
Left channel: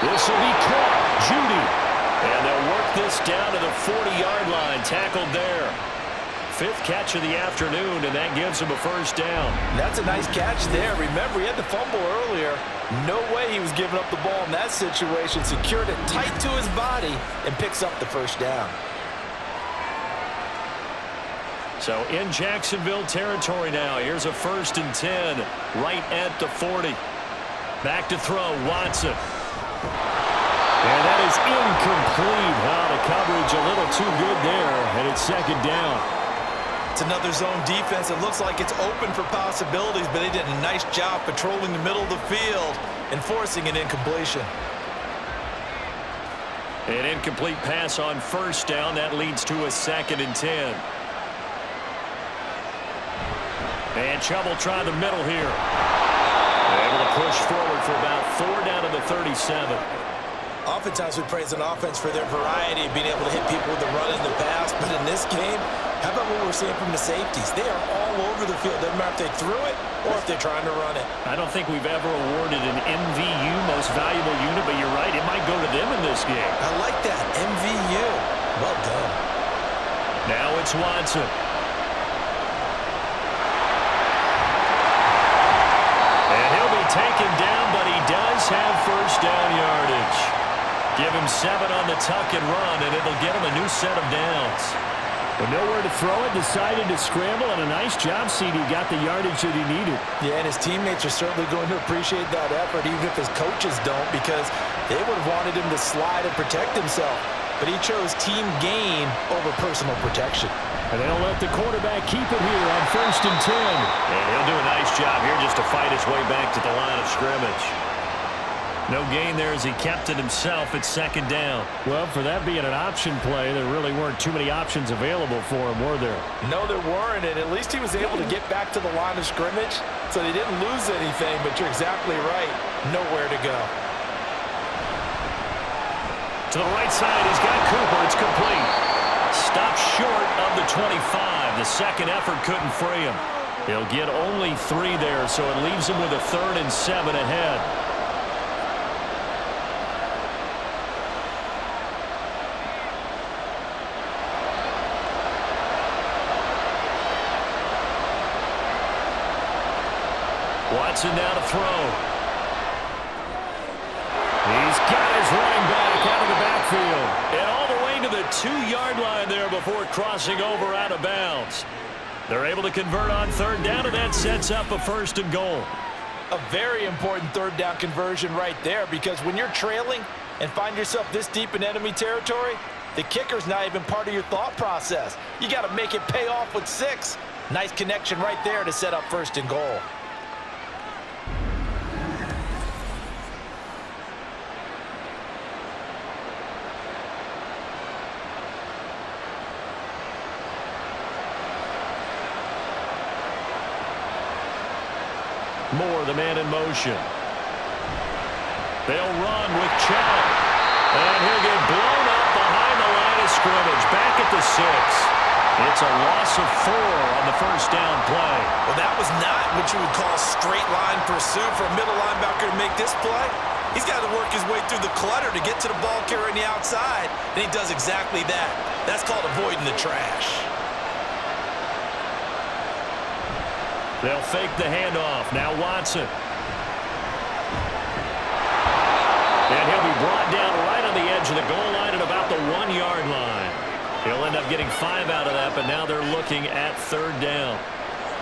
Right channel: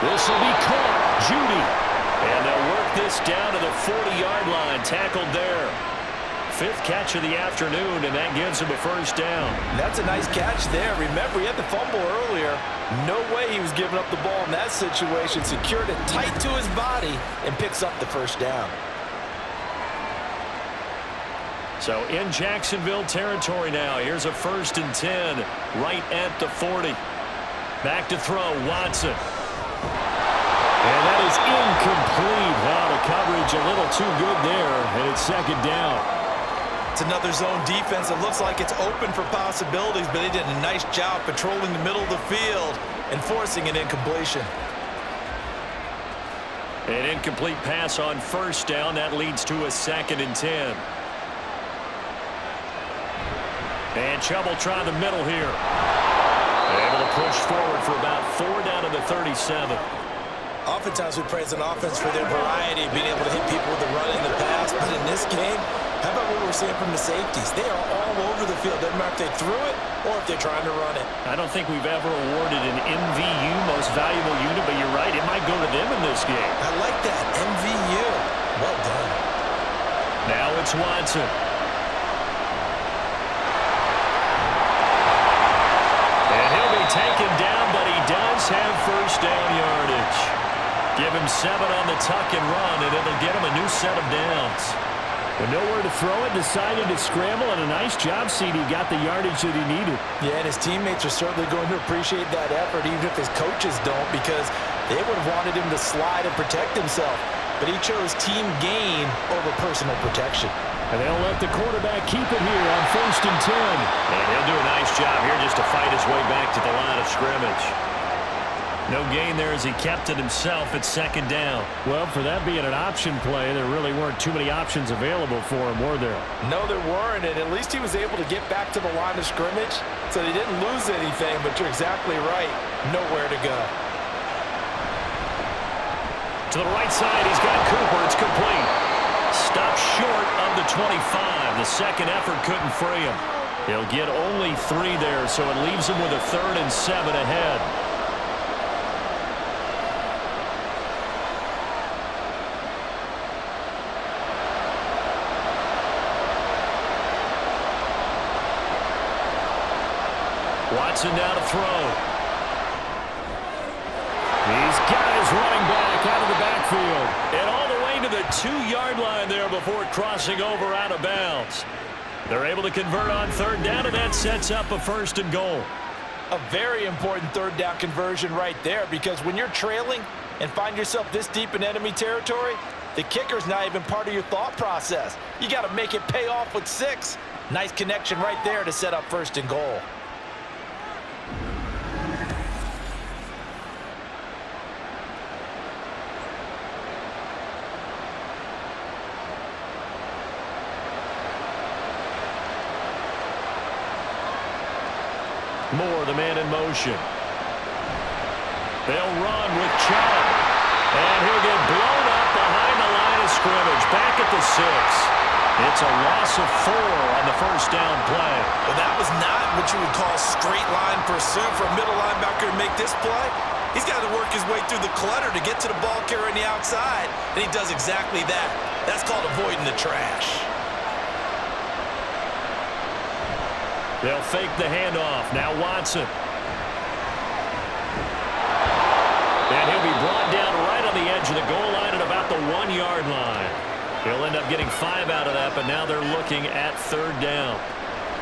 This will be caught. Judy. And they'll work this down to the 40-yard line. Tackled there. 5th catch of the afternoon, and that gives him a 1st down. That's a nice catch there. Remember, he had the fumble earlier. No way he was giving up the ball in that situation. Secured it tight to his body and picks up the 1st down. So in Jacksonville territory now. Here's a 1st and 10 right at the 40. Back to throw, Watson. And that is incomplete. The coverage a little too good there, and it's 2nd down. It's another zone defense. It looks like it's open for possibilities, but they did a nice job patrolling the middle of the field and forcing an incompletion. An incomplete pass on 1st down. That leads to a 2nd and 10. And Chubb will try the middle here. Able to push forward for about 4 down to the 37. Oftentimes we praise an offense for their variety, being able to hit people with the run and the pass. But in this game, how about what we're seeing from the safeties? They are all over the field. Doesn't matter if they threw it or if they're trying to run it. I don't think we've ever awarded an MVU, most valuable unit, but you're right. It might go to them in this game. I like that. MVU. Well done. Now it's Watson. taken down, but he does have first down yardage. Give him 7 on the tuck and run, and it'll get him a new set of downs. With nowhere to throw it, decided to scramble, and a nice job, CD. Got the yardage that he needed. Yeah, and his teammates are certainly going to appreciate that effort, even if his coaches don't, because they would have wanted him to slide and protect himself. But he chose team gain over personal protection. And they'll let the quarterback keep it here on 1st and 10. And he'll do a nice job here just to fight his way back to the line of scrimmage. No gain there as he kept it himself at 2nd down. Well, for that being an option play, there really weren't too many options available for him, were there? No, there weren't, and at least he was able to get back to the line of scrimmage, so they didn't lose anything, but you're exactly right. Nowhere to go. To the right side, he's got Cooper. It's complete. Stopped short of the 25. The second effort couldn't free him. He'll get only 3 there, so it leaves him with a 3rd and 7 ahead. Watson now to throw. He's got his running back out of the backfield. And all the way to the 2-yard line there before crossing over out of bounds. They're able to convert on 3rd down, and that sets up a 1st and goal. A very important 3rd down conversion right there, because when you're trailing and find yourself this deep in enemy territory, the kicker's not even part of your thought process. You got to make it pay off with 6. Nice connection right there to set up 1st and goal. Moore, the man in motion. They'll run with Chubb. And he'll get blown up behind the line of scrimmage. Back at the 6. It's a loss of 4 on the 1st down play. Well, that was not what you would call straight line pursuit for a middle linebacker to make this play. He's got to work his way through the clutter to get to the ball carrier on the outside, and he does exactly that. That's called avoiding the trash. They'll fake the handoff. Now Watson. And he'll be brought down right on the edge of the goal line at about the 1-yard line. He'll end up getting 5 out of that, but now they're looking at 3rd down.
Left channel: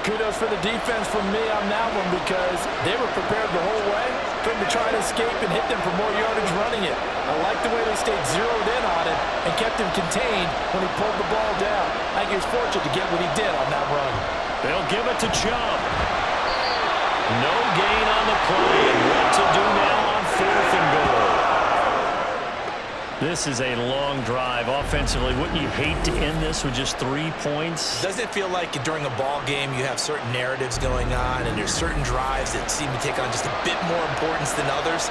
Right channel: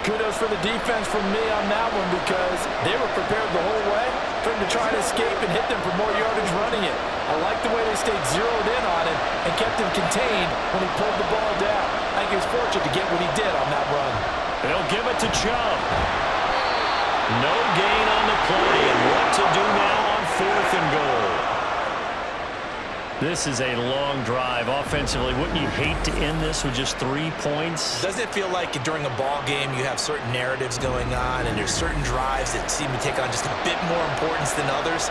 Kudos for the defense from me on that one, because they were prepared the whole way for him to try to escape and hit them for more yardage running it. I like the way they stayed zeroed in on him and kept him contained when he pulled the ball down. I think he was fortunate to get what he did on that run. They'll give it to Chubb. No gain on the play, and what to do now on 4th and goal. This is a long drive offensively. Wouldn't you hate to end this with just 3 points? Doesn't it feel like during a ball game you have certain narratives going on and there's certain drives that seem to take on just a bit more importance than others?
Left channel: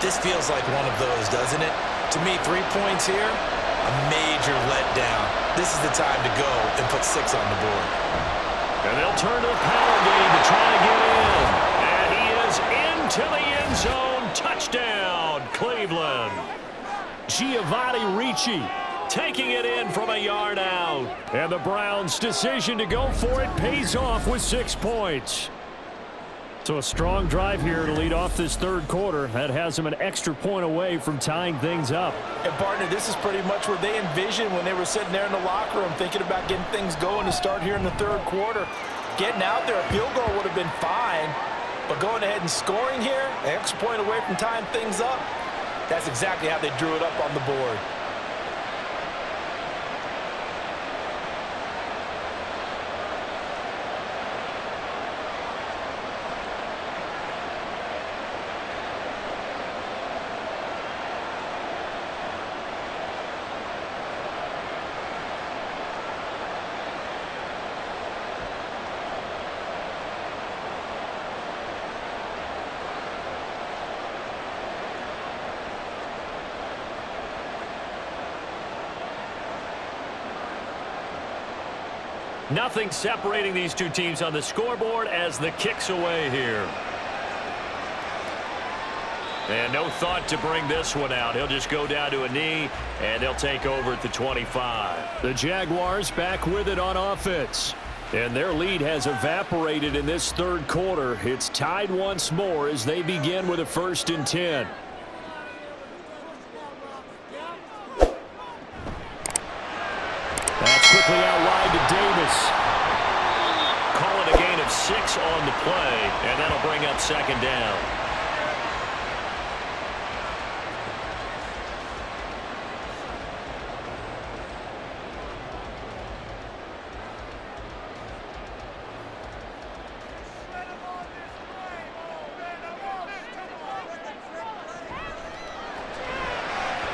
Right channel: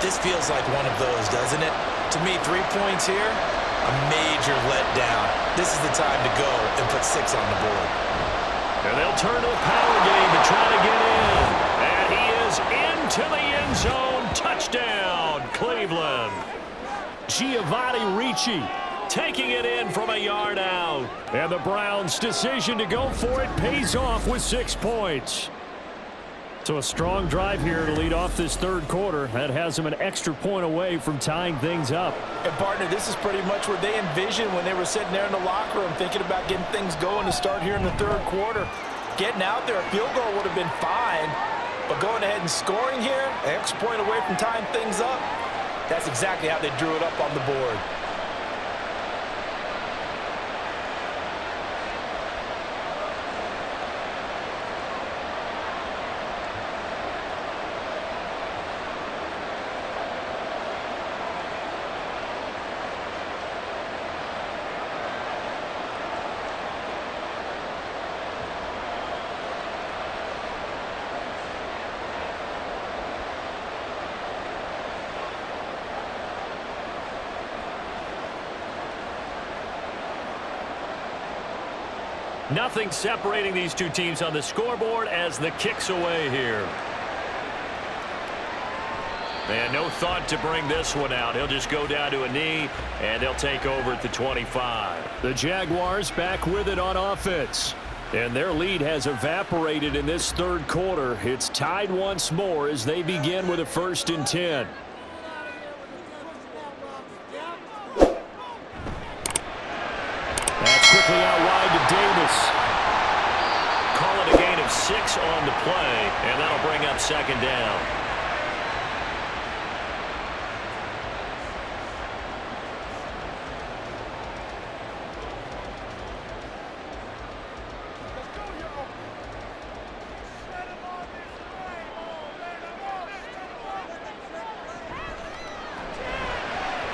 This feels like one of those, doesn't it? To me, 3 points here, a major letdown. This is the time to go and put 6 on the board. And they'll turn to the power game to try to get in. And he is into the end zone. Touchdown, Cleveland. Giovanni Ricci taking it in from a yard out. And the Browns' decision to go for it pays off with 6 points. So a strong drive here to lead off this 3rd quarter. That has them an extra point away from tying things up. And, partner, this is pretty much what they envisioned when they were sitting there in the locker room thinking about getting things going to start here in the 3rd quarter. Getting out there, a field goal would have been fine, but going ahead and scoring here, an extra point away from tying things up, that's exactly how they drew it up on the board. Nothing separating these two teams on the scoreboard as the kick's away here. And no thought to bring this one out. He'll just go down to a knee, and they'll take over at the 25. The Jaguars back with it on offense. And their lead has evaporated in this third quarter. It's tied once more as they begin with a 1st and 10. That's quickly out wide to Davis. Call it a gain of 6 on the play, and that'll bring up 2nd down.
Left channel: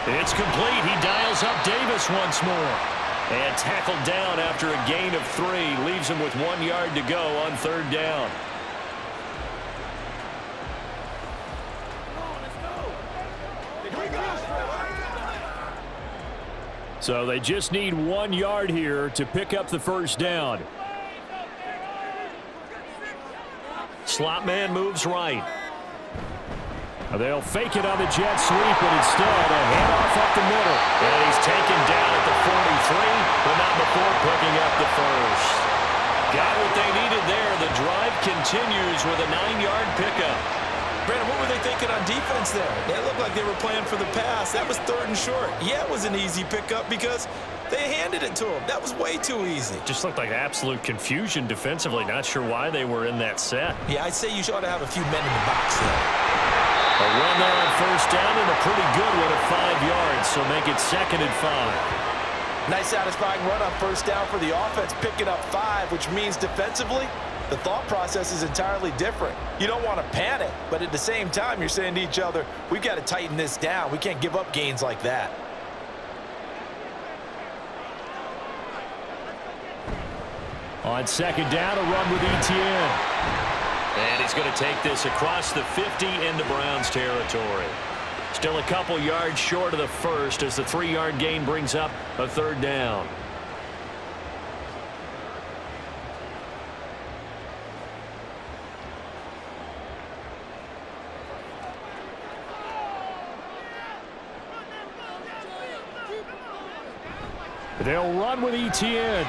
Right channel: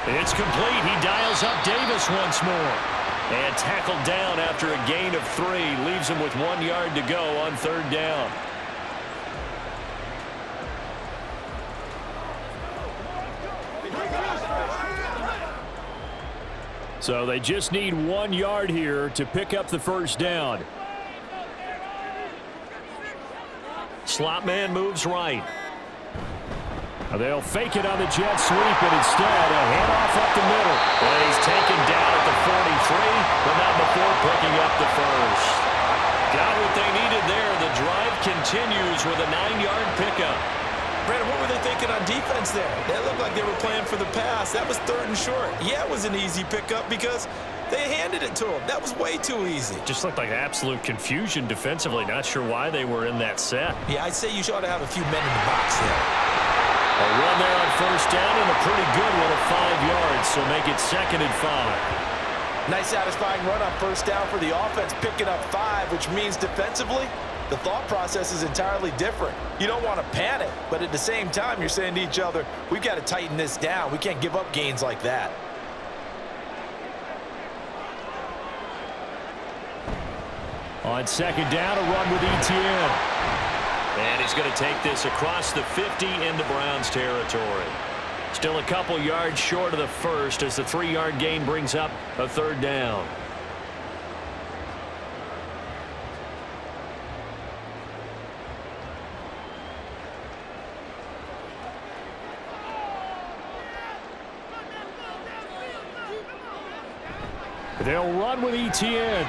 It's complete. He dials up Davis once more. And tackled down after a gain of 3. Leaves him with 1 yard to go on 3rd down. So they just need 1 yard here to pick up the 1st down. Slot man moves right. They'll fake it on the jet sweep, and instead a handoff up the middle. And he's taken down at the 43, but not before picking up the 1st. Got what they needed there. The drive continues with a 9-yard pickup. Brandon, what were they thinking on defense there? They looked like they were playing for the pass. That was 3rd and short. Yeah, it was an easy pickup because they handed it to him. That was way too easy. Just looked like absolute confusion defensively. Not sure why they were in that set. Yeah, I'd say you ought to have a few men in the box there. A run there on 1st down and a pretty good one at 5 yards, so make it 2nd and 5. Nice satisfying run on 1st down for the offense, picking up 5, which means defensively, the thought process is entirely different. You don't want to panic, but at the same time, you're saying to each other, we've got to tighten this down. We can't give up gains like that. On 2nd down, a run with Etienne. And he's going to take this across the 50 into Browns territory. Still a couple yards short of the 1st as the 3-yard gain brings up a 3rd down. They'll run with Etienne.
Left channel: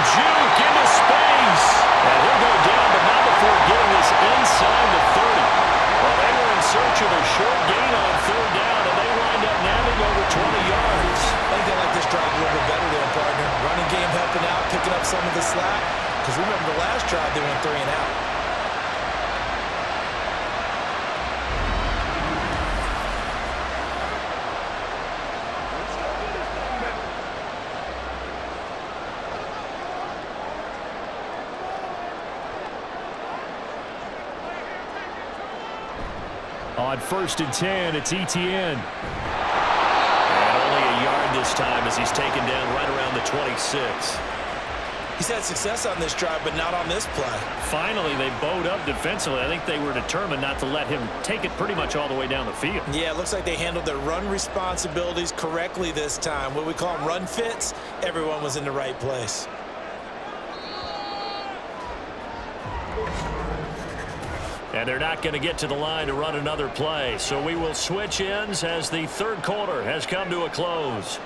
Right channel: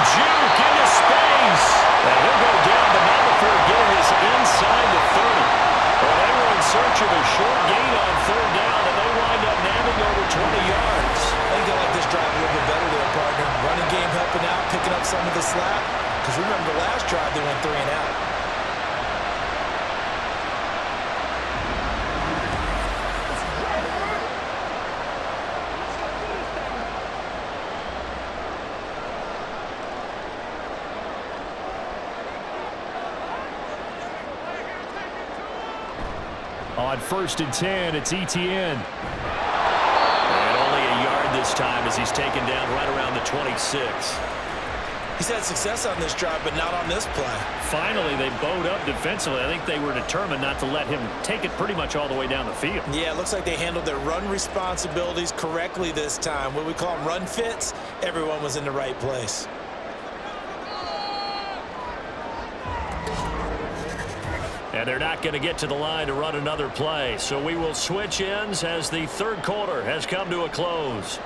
Juke into space. And he'll go down, but not before getting this inside the 30. Well, they were in search of a short gain on 3rd down, and they wind up nabbing over 20 yards. I think they like this drive a little bit better there, partner. Running game helping out, picking up some of the slack. Because remember the last drive, they went 3 and out. On 1st and 10, it's Etienne. And only a yard this time as he's taken down right around the 26. He's had success on this drive, but not on this play. Finally, they bowed up defensively. I think they were determined not to let him take it pretty much all the way down the field. Yeah, it looks like they handled their run responsibilities correctly this time. What we call them run fits, everyone was in the right place. And they're not going to get to the line to run another play. So we will switch ends as the 3rd quarter has come to a close.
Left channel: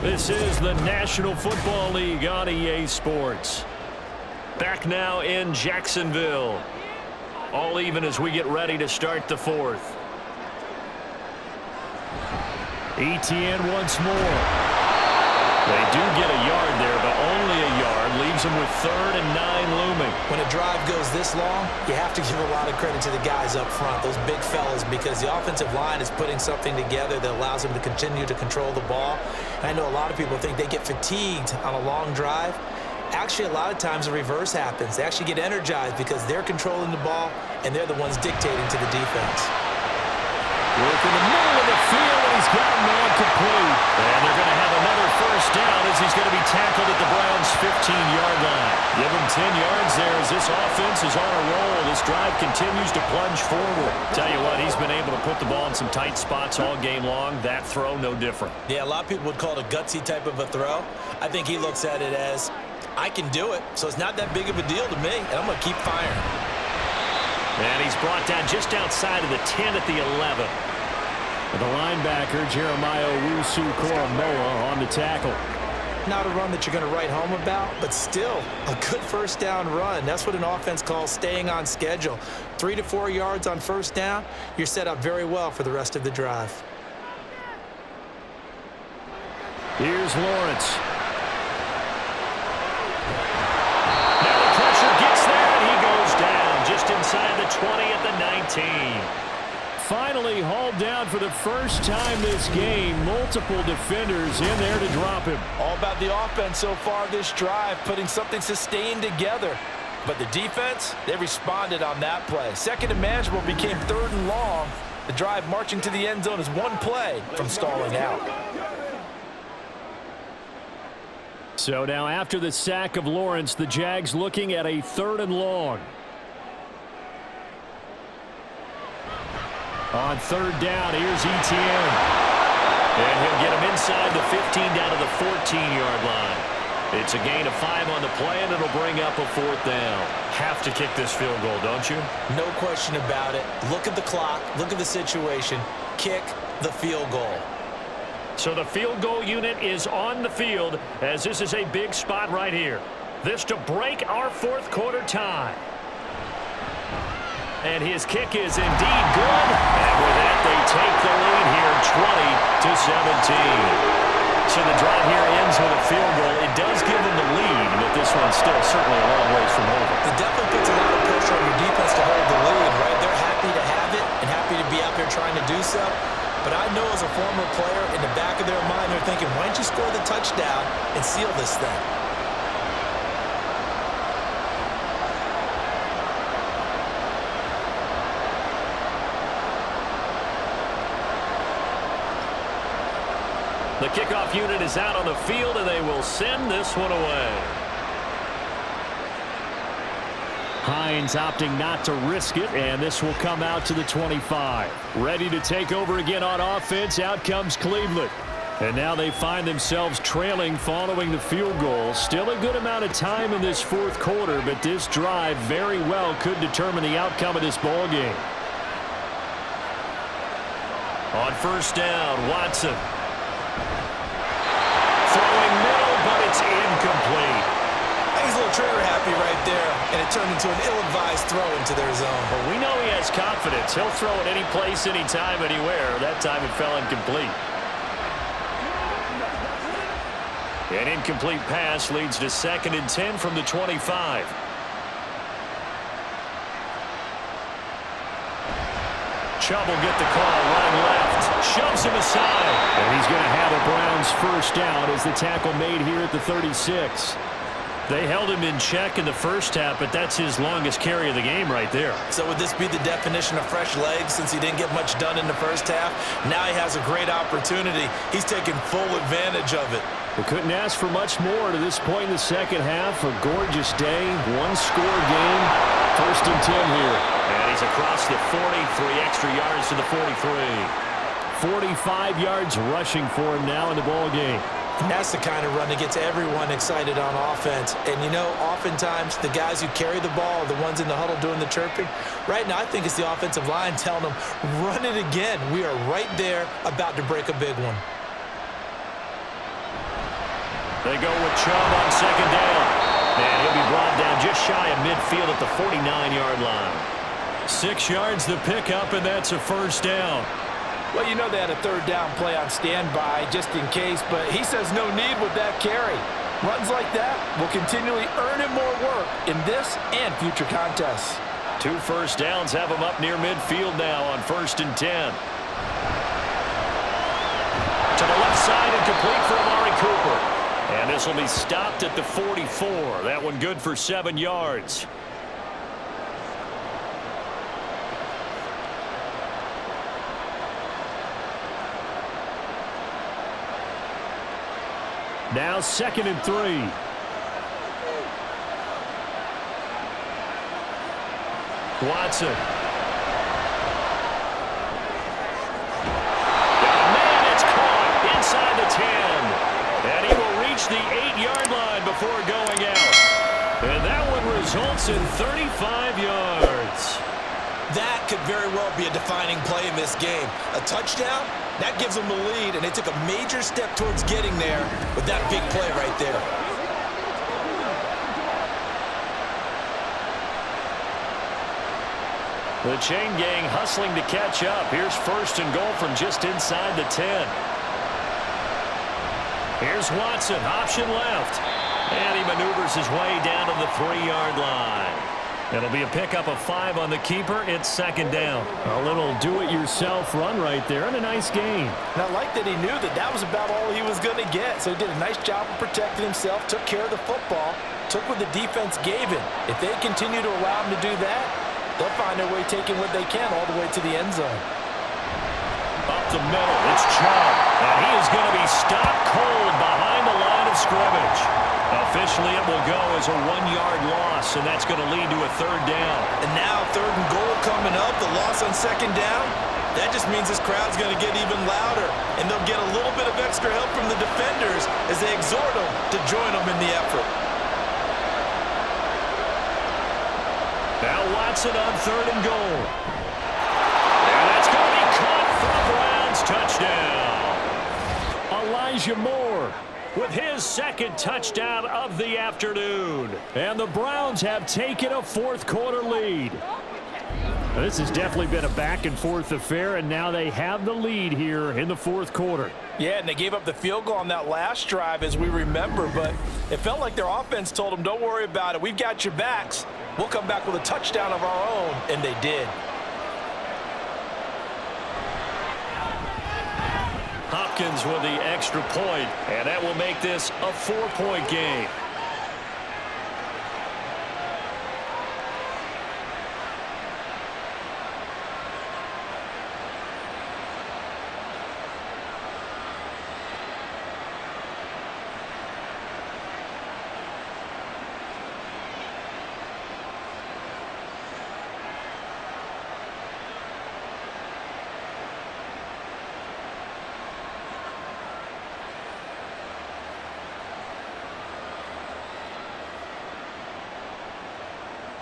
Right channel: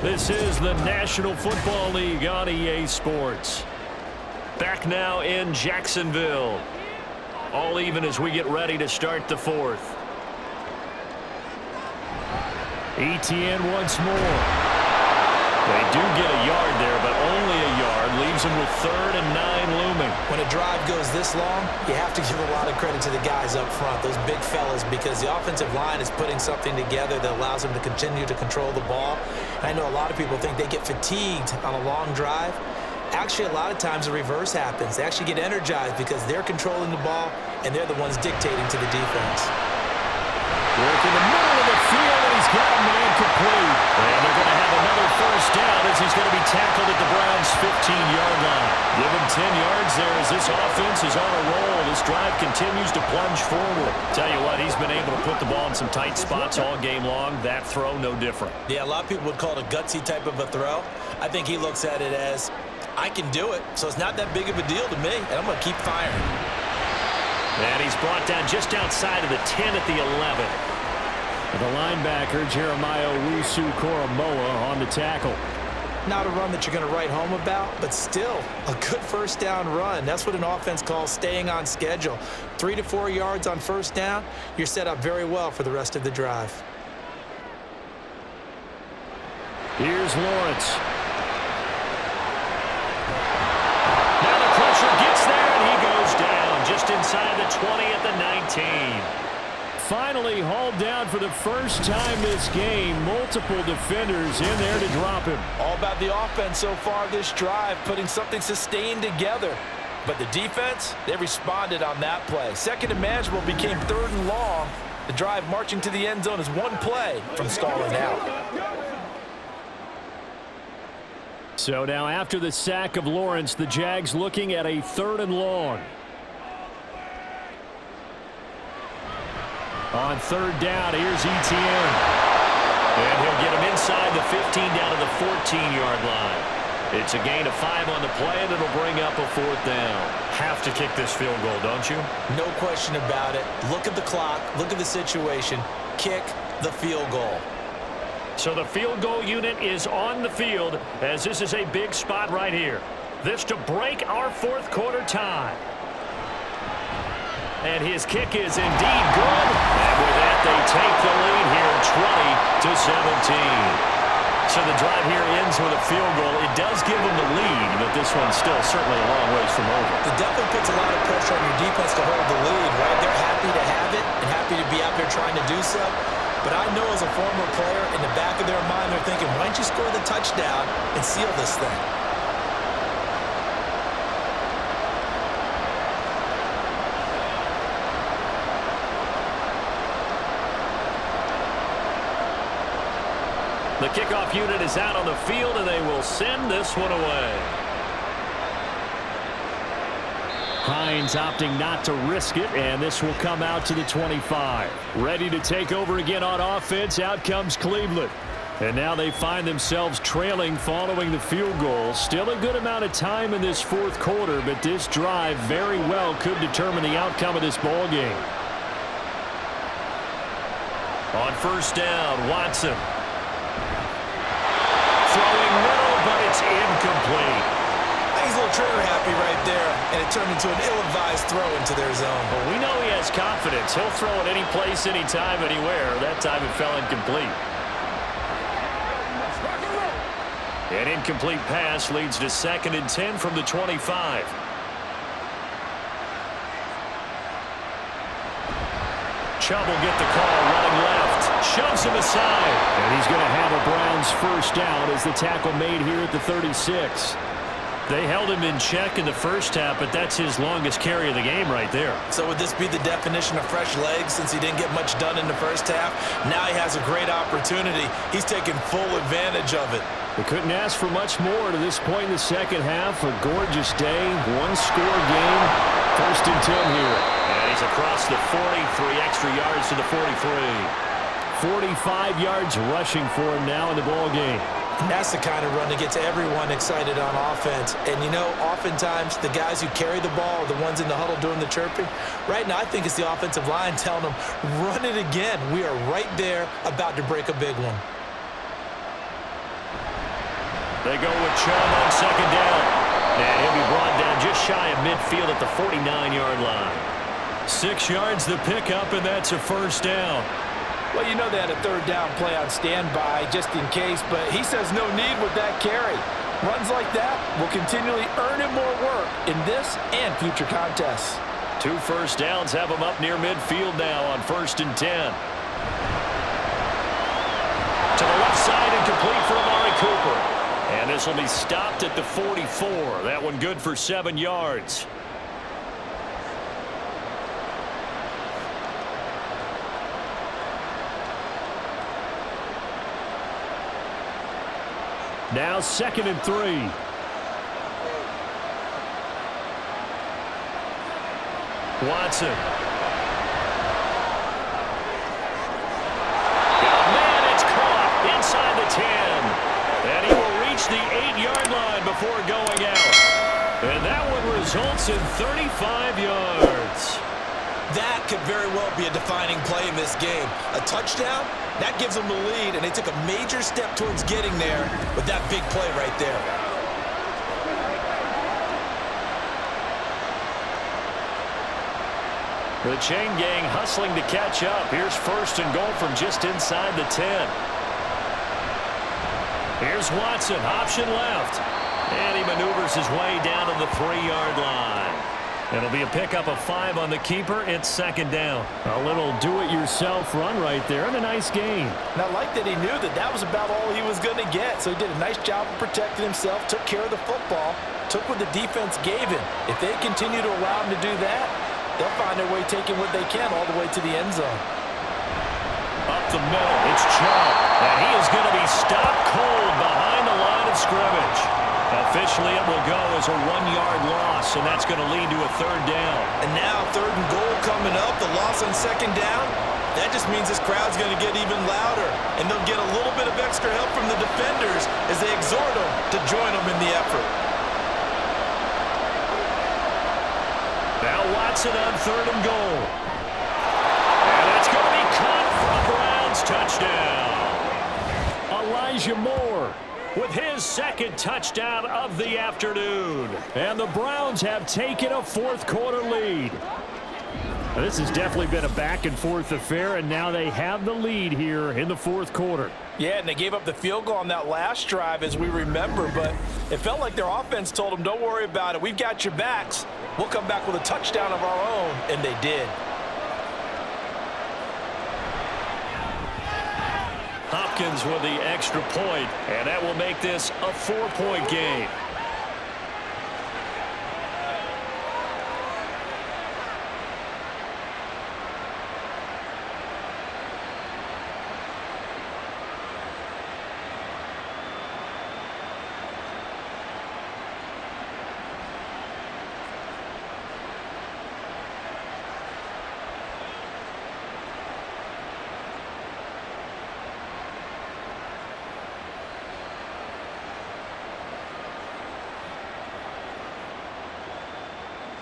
This is the National Football League on EA Sports. Back now in Jacksonville. All even as we get ready to start the 4th. Etienne once more. They do get a yard there, but only a yard. Leaves them with 3rd and 9 looming. When a drive goes this long, you have to give a lot of credit to the guys up front, those big fellas, because the offensive line is putting something together that allows them to continue to control the ball. And I know a lot of people think they get fatigued on a long drive. Actually, a lot of times the reverse happens. They actually get energized because they're controlling the ball, and they're the ones dictating to the defense. Work in the middle of the field, and he's got a man complete. And they're going to have another 1st down as he's going to be tackled at the Browns' 15-yard line. Give him 10 yards there as this offense is on a roll. This drive continues to plunge forward. Tell you what, he's been able to put the ball in some tight spots all game long. That throw, no different. Yeah, a lot of people would call it a gutsy type of a throw. I think he looks at it as, I can do it, so it's not that big of a deal to me, and I'm going to keep firing. And he's brought down just outside of the 10 at the 11. The linebacker, Jeremiah Owusu-Koramoah, on the tackle. Not a run that you're going to write home about, but still a good first down run. That's what an offense calls staying on schedule. 3 to 4 yards on first down, you're set up very well for the rest of the drive. Here's Lawrence. Now the pressure gets there, and he goes down just inside the 20 at the 19. Finally hauled down for the first time this game. Multiple defenders in there to drop him. All about the offense so far this drive, putting something sustained together. But the defense, they responded on that play. Second and manageable became 3rd and long. The drive marching to the end zone is one play from stalling out. So now after the sack of Lawrence, the Jags looking at a 3rd and long. On 3rd down, here's Etienne. And he'll get him inside the 15 down to the 14-yard line. It's a gain of 5 on the play, and it'll bring up a 4th down. Have to kick this field goal, don't you? No question about it. Look at the clock. Look at the situation. Kick the field goal. So the field goal unit is on the field, as this is a big spot right here. This to break our 4th quarter tie. And his kick is indeed good. And with that, they take the lead here 20-17. So the drive here ends with a field goal. It does give them the lead, but this one's still certainly a long ways from over. It definitely puts a lot of pressure on your defense to hold the lead, right? They're happy to have it and happy to be out there trying to do so. But I know as a former player, in the back of their mind, they're thinking, why don't you score the touchdown and seal this thing? The kickoff unit is out on the field, and they will send this one away. Hines opting not to risk it, and this will come out to the 25. Ready to take over again on offense. Out comes Cleveland. And now they find themselves trailing following the field goal. Still a good amount of time in this 4th quarter, but this drive very well could determine the outcome of this ball game. On 1st down, Watson. Throwing middle, but it's incomplete. He's a little trigger happy right there, and it turned into an ill-advised throw into their zone. But we know he has confidence. He'll throw it any place, anytime, anywhere. That time it fell incomplete. An incomplete pass leads to 2nd and 10 from the 25. Chubb will get the call, running left, shoves him aside, and he's going to have a Browns 1st down as the tackle made here at the 36. They held him in check in the first half, but that's his longest carry of the game right there. So would this be the definition of fresh legs since he didn't get much done in the first half? Now he has a great opportunity. He's taking full advantage of it. They couldn't ask for much more to this point in the second half. A gorgeous day, 1-score game, 1st and 10 here. And he's across the 40, 3 extra yards to the 43. 45 yards rushing for him now in the ball game. And that's the kind of run that gets everyone excited on offense. And, you know, oftentimes the guys who carry the ball are the ones in the huddle doing the chirping. Right now, I think it's the offensive line telling them, run it again. We are right there about to break a big one. They go with Chubb on 2nd down. And he'll be brought down just shy of midfield at the 49-yard line. 6 yards the pickup, and that's a 1st down. Well, you know they had a 3rd down play on standby just in case, but he says no need with that carry. Runs like that will continually earn him more work in this and future contests. 2 first downs have him up near midfield now on 1st and 10. To the left side and complete for Amari Cooper. And this will be stopped at the 44. That one good for 7 yards. Now 2nd and 3. Watson. Got a man, it's caught inside the 10. And he will reach the 8-yard line before going out. And that one results in 35 yards. That could very well be a defining play in this game. A touchdown That gives them the lead, and they took a major step towards getting there with that big play right there. The chain gang hustling to catch up. Here's 1st and goal from just inside the 10. Here's Watson, option left. And he maneuvers his way down to the 3-yard line. It'll be a pickup of 5 on the keeper. It's 2nd down. A little do-it-yourself run right there and a nice gain. And I like that he knew that that was about all he was going to get. So he did a nice job of protecting himself, took care of the football, took what the defense gave him. If they continue to allow him to do that, they'll find their way taking what they can all the way to the end zone. Up the middle, it's Chubb. And he is going to be stopped cold behind the line of scrimmage. Officially, it will go as a 1-yard loss, and that's going to lead to a 3rd down. And now 3rd and goal coming up, the loss on 2nd down. That just means this crowd's going to get even louder, and they'll get a little bit of extra help from the defenders as they exhort them to join them in the effort. Now Watson on 3rd and goal. And that's going to be caught for a Browns touchdown. Elijah Moore with his 2nd touchdown of the afternoon. And the Browns have taken a 4th quarter lead. Now, this has definitely been a back-and-forth affair, and now they have the lead here in the 4th quarter. Yeah, and they gave up the field goal on that last drive, as we remember, but it felt like their offense told them, don't worry about it. We've got your backs. We'll come back with a touchdown of our own, and they did. Hopkins with the extra point, and that will make this a 4-point game.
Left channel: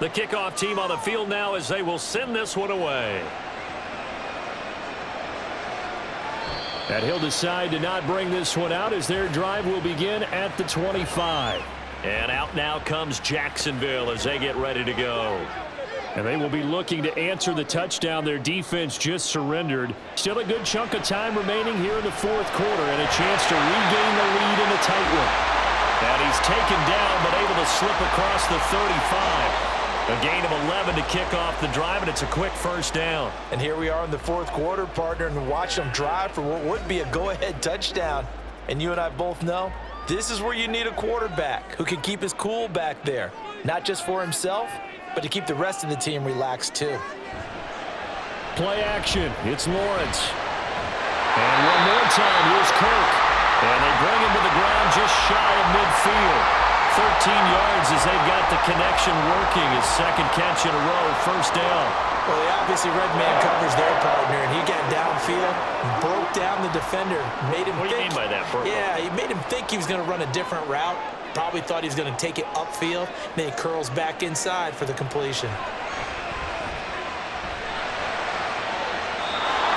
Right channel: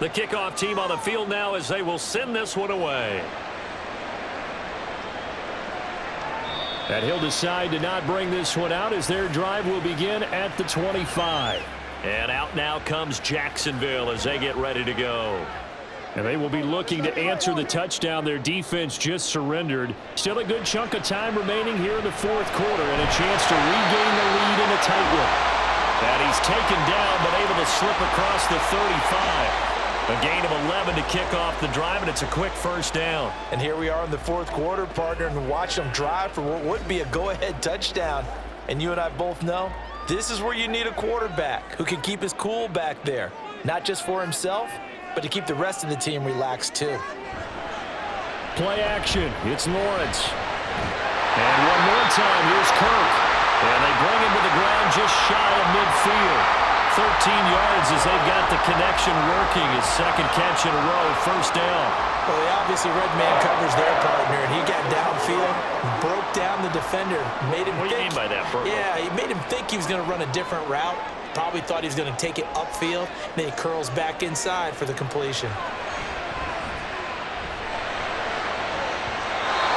The kickoff team on the field now as they will send this one away. And he'll decide to not bring this one out as their drive will begin at the 25. And out now comes Jacksonville as they get ready to go. And they will be looking to answer the touchdown their defense just surrendered. Still a good chunk of time remaining here in the 4th quarter and a chance to regain the lead in a tight one. And he's taken down but able to slip across the 35. A gain of 11 to kick off the drive, and it's a quick 1st down. And here we are in the 4th quarter, partner, and watch them drive for what would be a go-ahead touchdown. And you and I both know this is where you need a quarterback who can keep his cool back there, not just for himself, but to keep the rest of the team relaxed too. Play action. It's Lawrence. And one more time, here's Kirk. And they bring him to the ground just shy of midfield. 13 yards as they've got the connection working. His 2nd catch in a row, 1st down. Well, they obviously red man covers their partner, and he got downfield, broke down the defender, made him What do you mean by that, Burko? Yeah, he made him think he was going to run a different route. Probably thought he was going to take it upfield. Then he curls back inside for the completion.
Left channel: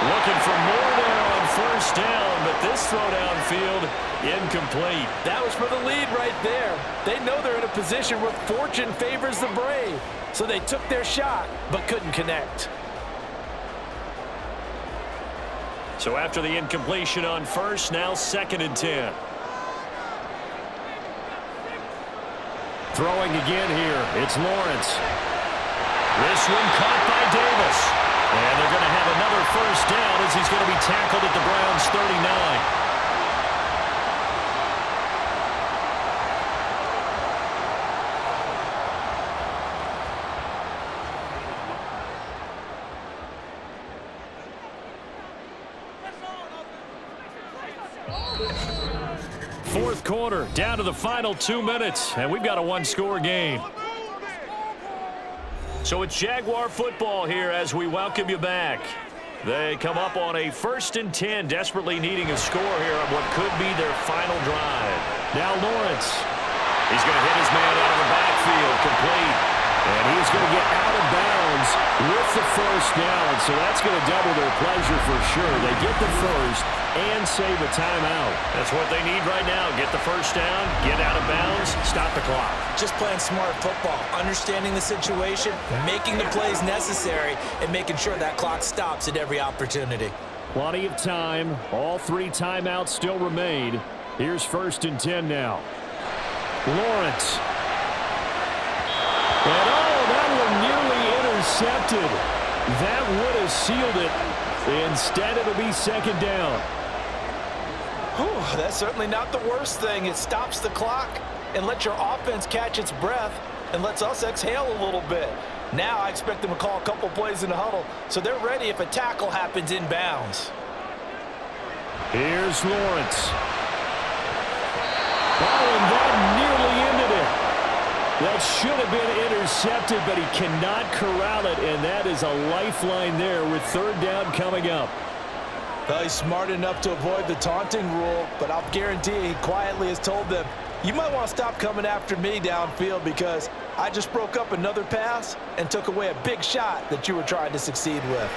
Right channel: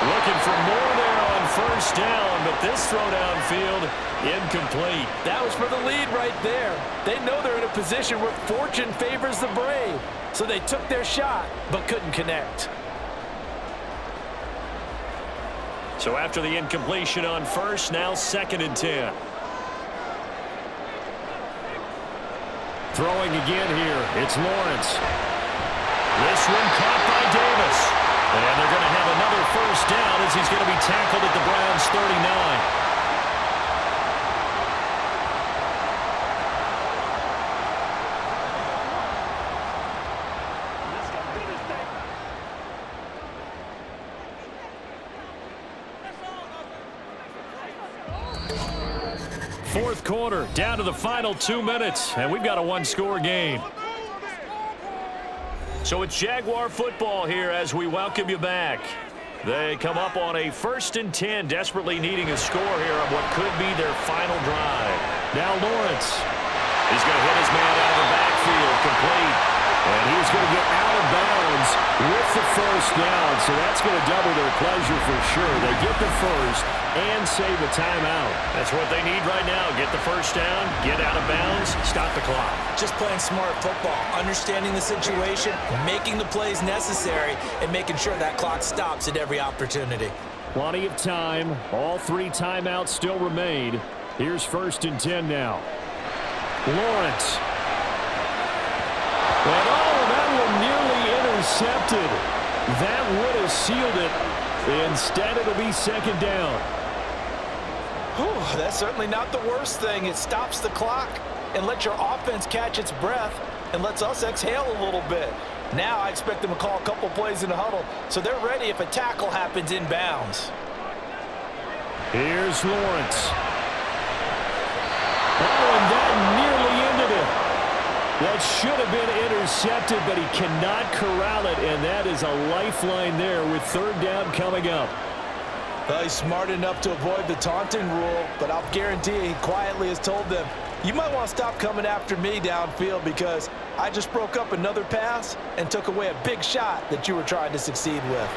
Looking for more there on 1st down, but this throw downfield incomplete. That was for the lead right there. They know they're in a position where fortune favors the brave. So they took their shot, but couldn't connect. So after the incompletion on 1st, now 2nd and 10. Throwing again here, it's Lawrence. This one caught by Davis. And they're going to have another 1st down as he's going to be tackled at the Browns' 39. Fourth quarter, down to the final 2 minutes, and we've got a 1-score game. So it's Jaguar football here as we welcome you back. They come up on a 1st and 10, desperately needing a score here on what could be their final drive. Now Lawrence. He's going to hit his man out of the backfield, complete. And he's going to get out of bounds with the first down, so that's going to double their pleasure for sure. They get the first and save a timeout. That's what they need right now. Get the first down, get out of bounds, stop the clock. Just playing smart football, understanding the situation, making the plays necessary, and making sure that clock stops at every opportunity. Plenty of time. All 3 timeouts still remain. Here's 1st and 10 now. Lawrence. And that one nearly intercepted. That would have sealed it. Instead, it'll be 2nd down. Whew, that's certainly not the worst thing. It stops the clock and lets your offense catch its breath and lets us exhale a little bit. Now I expect them to call a couple plays in the huddle so they're ready if a tackle happens inbounds. Here's Lawrence. Oh, and that nearly ended it. That should have been intercepted, but he cannot corral it, and that is a lifeline there with 3rd down coming up. Well, he's smart enough to avoid the taunting rule, but I'll guarantee he quietly has told them, you might want to stop coming after me downfield because I just broke up another pass and took away a big shot that you were trying to succeed with.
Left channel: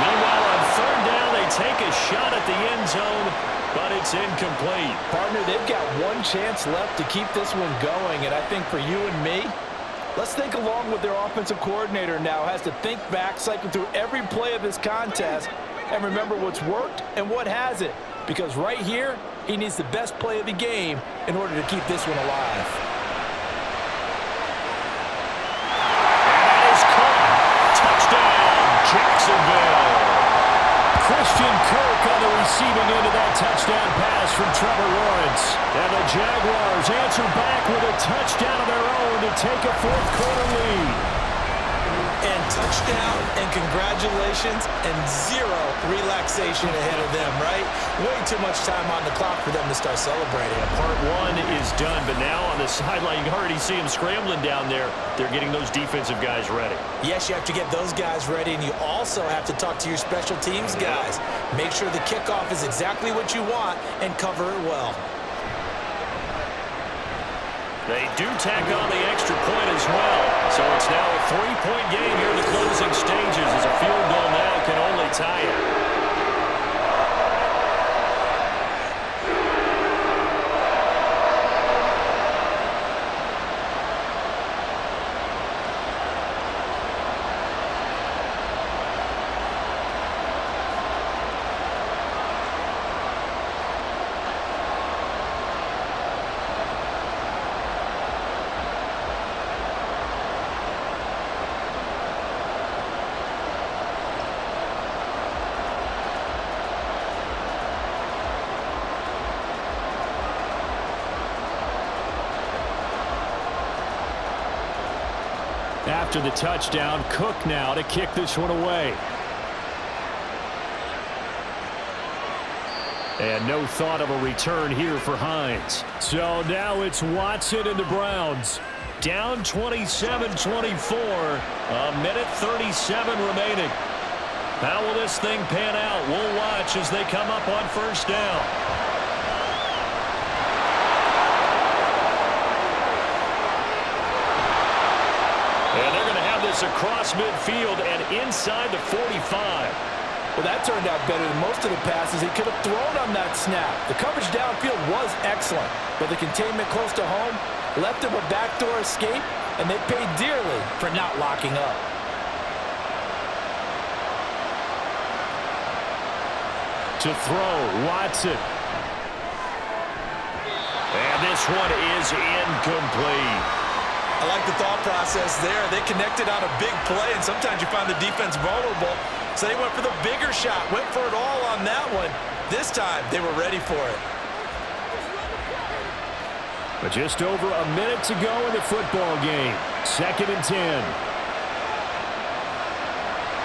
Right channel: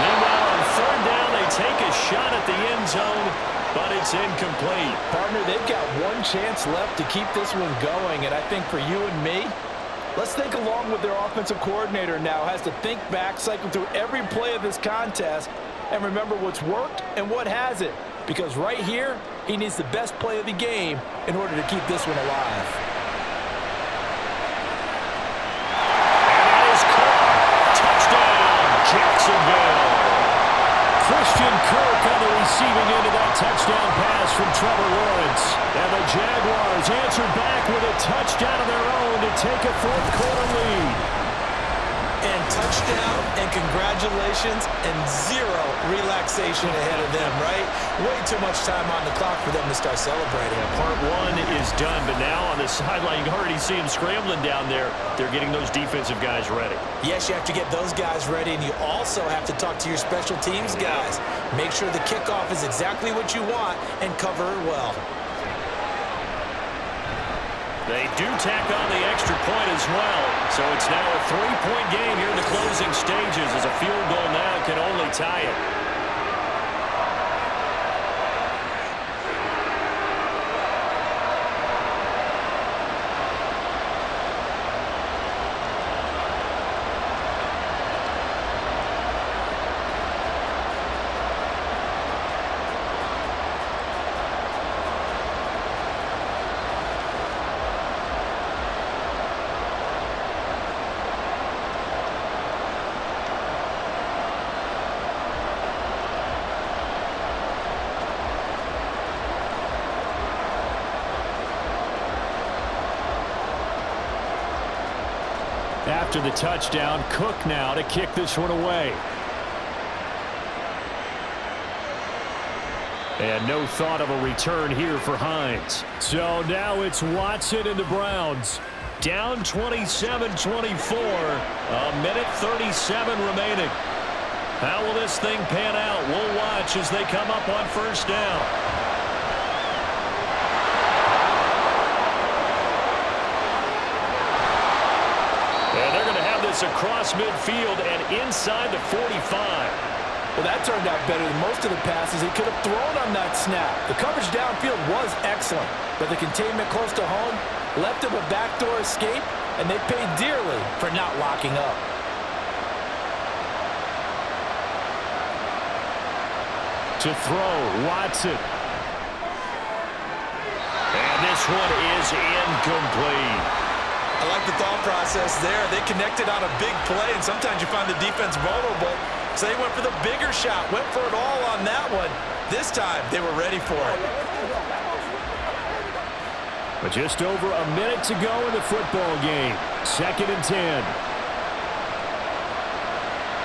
Meanwhile, on 3rd down, they take a shot at the end zone, but it's incomplete. Partner, they've got one chance left to keep this one going, and I think for you and me, let's think along with their offensive coordinator now has to think back, cycle through every play of this contest, and remember what's worked and what hasn't. Because right here, he needs the best play of the game in order to keep this one alive. And that is caught. Touchdown, Jacksonville. Christian Kirk on the receiving end of that touchdown pass from Trevor Lawrence. And the Jaguars answer back with a touchdown of their own to take a 4th quarter lead. And touchdown and congratulations and 0 relaxation ahead of them, right? Way too much time on the clock for them to start celebrating. Part 1 is done, but now on the sideline, you can already see them scrambling down there. They're getting those defensive guys ready. Yes, you have to get those guys ready, and you also have to talk to your special teams guys. Make sure the kickoff is exactly what you want and cover it well. They do tack on the extra point as well. So it's now a 3-point game here in the closing stages as a field goal now can only tie it. After the touchdown, Cook now to kick this one away. And no thought of a return here for Hines. So now it's Watson and the Browns. Down 27-24. A minute 37 remaining. How will this thing pan out? We'll watch as they come up on 1st down. And they're going to have this across midfield and inside the 45. Well, that turned out better than most of the passes he could have thrown on that snap. The coverage downfield was excellent, but the containment close to home left him a backdoor escape, and they paid dearly for not locking up. To throw, Watson. And this one is incomplete. I like the thought process there. They connected on a big play, and sometimes you find the defense vulnerable. So they went for the bigger shot, went for it all on that one. This time, they were ready for it. But just over a minute to go in the football game. 2nd and 10.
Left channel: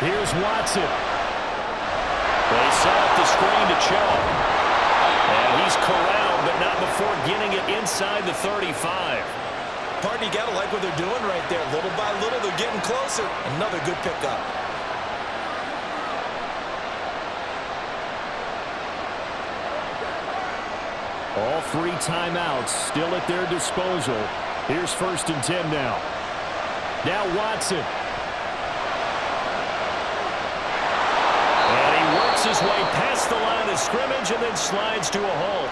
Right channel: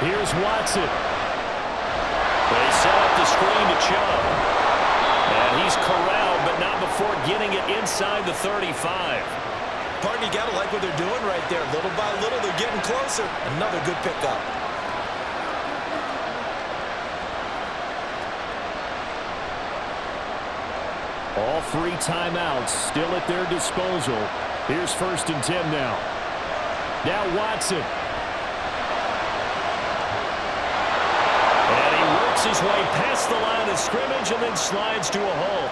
Here's Watson. They set up the screen to Chubb. And he's corralled, but not before getting it inside the 35. Partner, you got to like what they're doing right there. Little by little, they're getting closer. Another good pickup. All 3 timeouts still at their disposal. Here's 1st and 10 now. Now Watson. And he works his way past the line of scrimmage and then slides to a halt.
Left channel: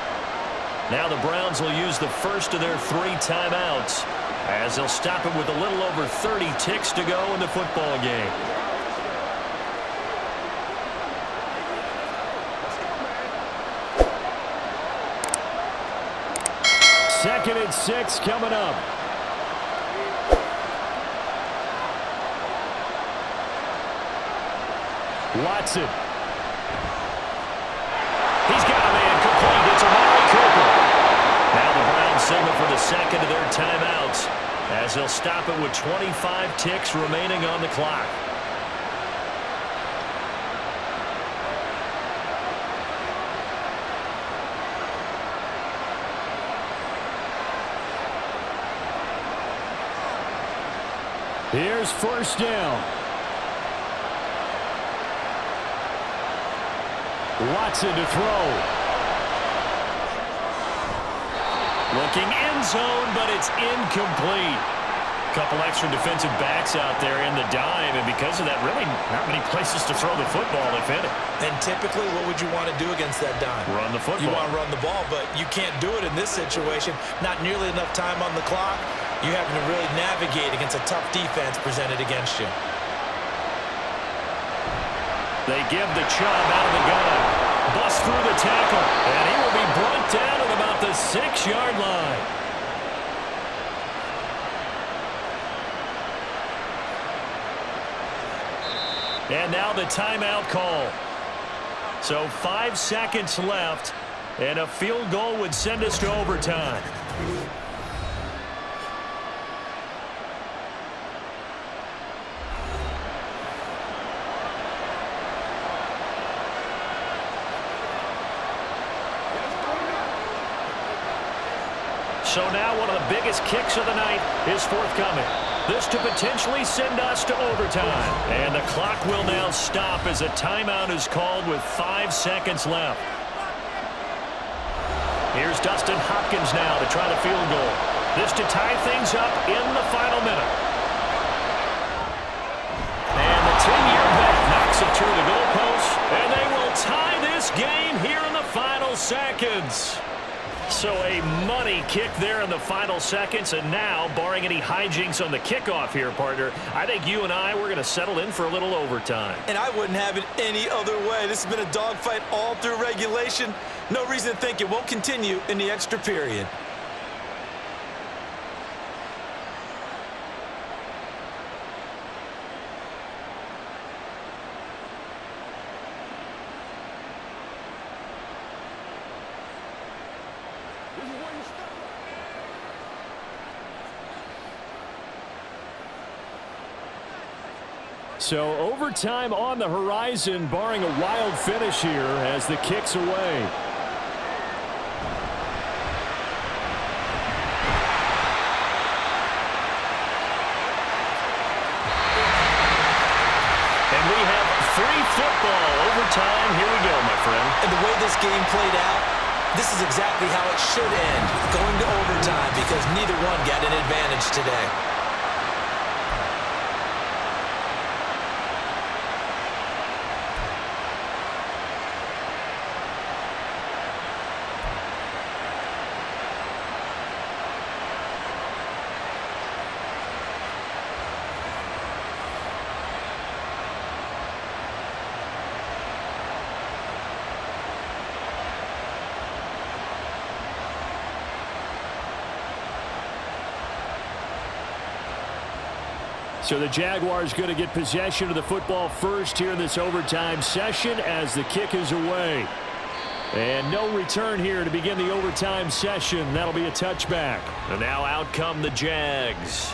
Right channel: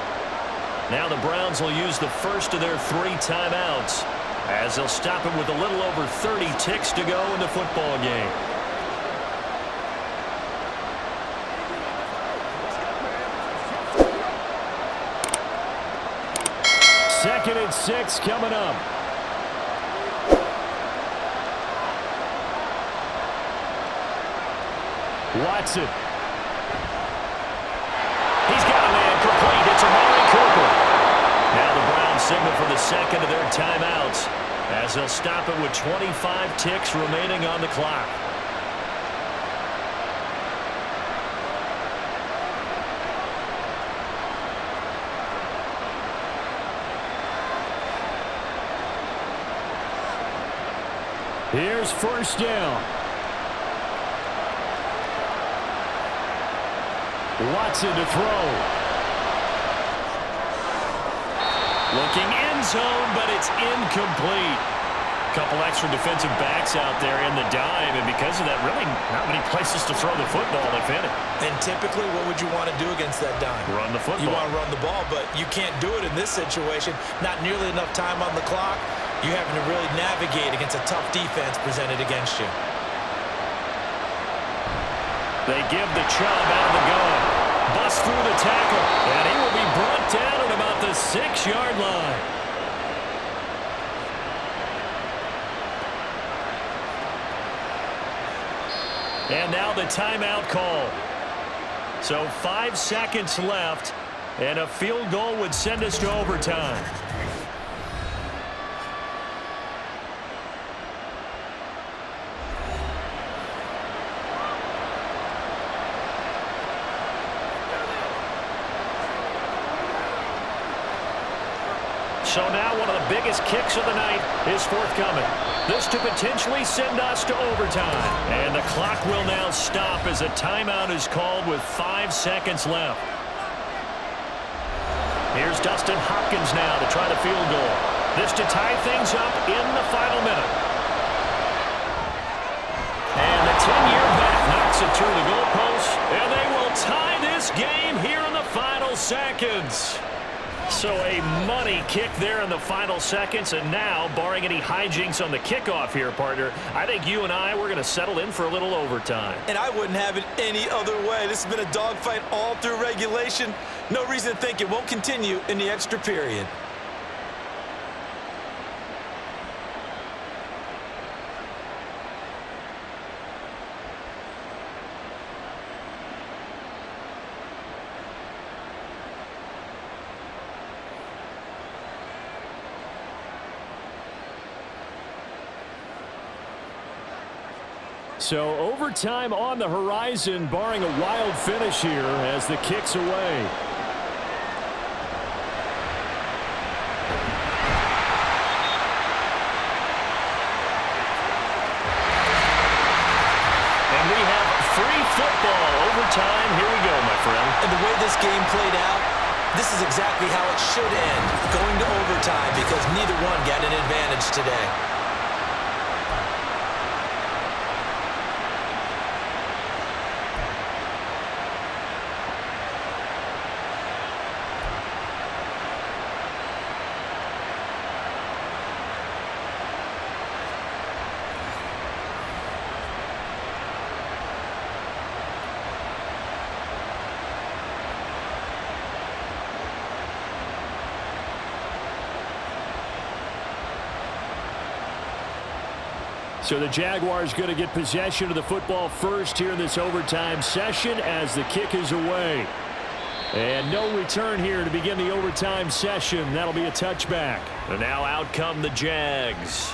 Now the Browns will use the first of their 3 timeouts as they'll stop it with a little over 30 ticks to go in the football game. Second and 6 coming up. Watson. He's got a man complete. It's Amari Cooper. Now the Browns signal for the second of their timeouts as they'll stop it with 25 ticks remaining on the clock. Here's 1st down. Watson to throw. Looking end zone, but it's incomplete. Couple extra defensive backs out there in the dime, and because of that, really not many places to throw the football, if any. And typically, what would you want to do against that dime? Run the football. You want to run the ball, but you can't do it in this situation. Not nearly enough time on the clock. You're having to really navigate against a tough defense presented against you. They give the Chubb out of the gun. Bust through the tackle, and he will be brought down at about the 6-yard line. And now the timeout call. So 5 seconds left, and a field goal would send us to overtime. So now one of the biggest kicks of the night is forthcoming. This to potentially send us to overtime. And the clock will now stop as a timeout is called with 5 seconds left. Here's Dustin Hopkins now to try the field goal. This to tie things up in the final minute. And the 10-year vet knocks it through the goalpost, and they will tie this game here in the final seconds. So a money kick there in the final seconds, and now, barring any hijinks on the kickoff here, partner, I think you and we're going to settle in for a little overtime. And I wouldn't have it any other way. This has been a dogfight all through regulation. No reason to think it won't continue in the extra period. So overtime on the horizon, barring a wild finish here as the kick's away. And we have free football overtime. Here we go, my friend. And the way this game played out, this is exactly how it should end, going to overtime, because neither one got an advantage today. So the Jaguars going to get possession of the football first here in this overtime session as the kick is away. And no return here to begin the overtime session. That'll be a touchback. And now out come the Jags.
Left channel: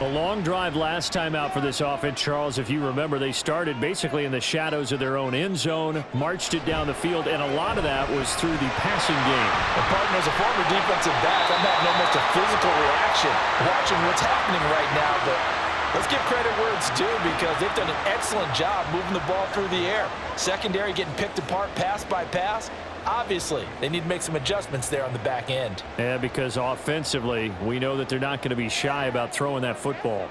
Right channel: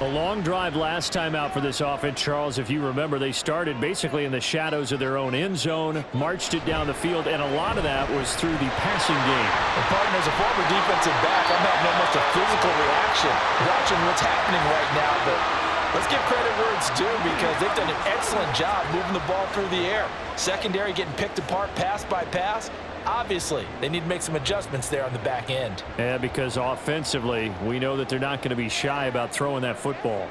A long drive last time out for this offense, Charles. If you remember, they started basically in the shadows of their own end zone, marched it down the field, and a lot of that was through the passing game. And partner, as a former defensive back, I'm having almost a physical reaction watching what's happening right now. But Let's give credit where it's due because they've done an excellent job moving the ball through the air. Secondary getting picked apart pass by pass. Obviously, they need to make some adjustments there on the back end. Yeah, because offensively, we know that they're not going to be shy about throwing that football.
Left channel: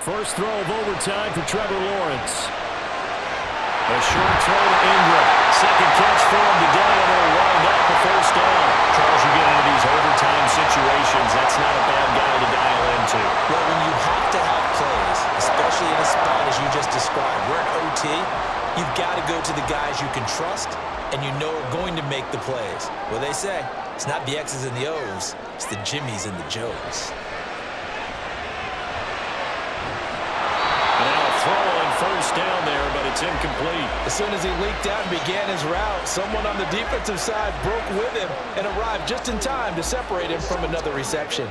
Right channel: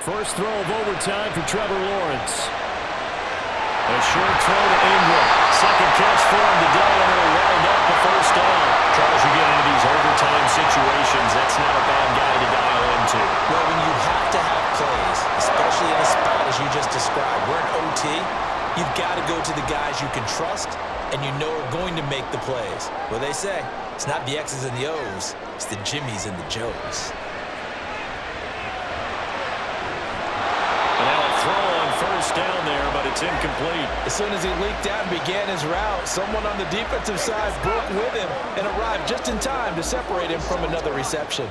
First throw of overtime for Trevor Lawrence. A short throw to Ingram. Second catch for him today, and it'll wind up a first down. Charles, you get into these overtime situations, that's not a bad guy to dial into. Well, when you have to have plays, especially in a spot as you just described, we're in OT, you've got to go to the guys you can trust and you know are going to make the plays. Well, they say it's not the X's and the O's, it's the Jimmies and the Joes. And now a throw on first down there, but it's incomplete. As soon as he leaked out and began his route, someone on the defensive side broke with him and arrived just in time to separate him from another reception.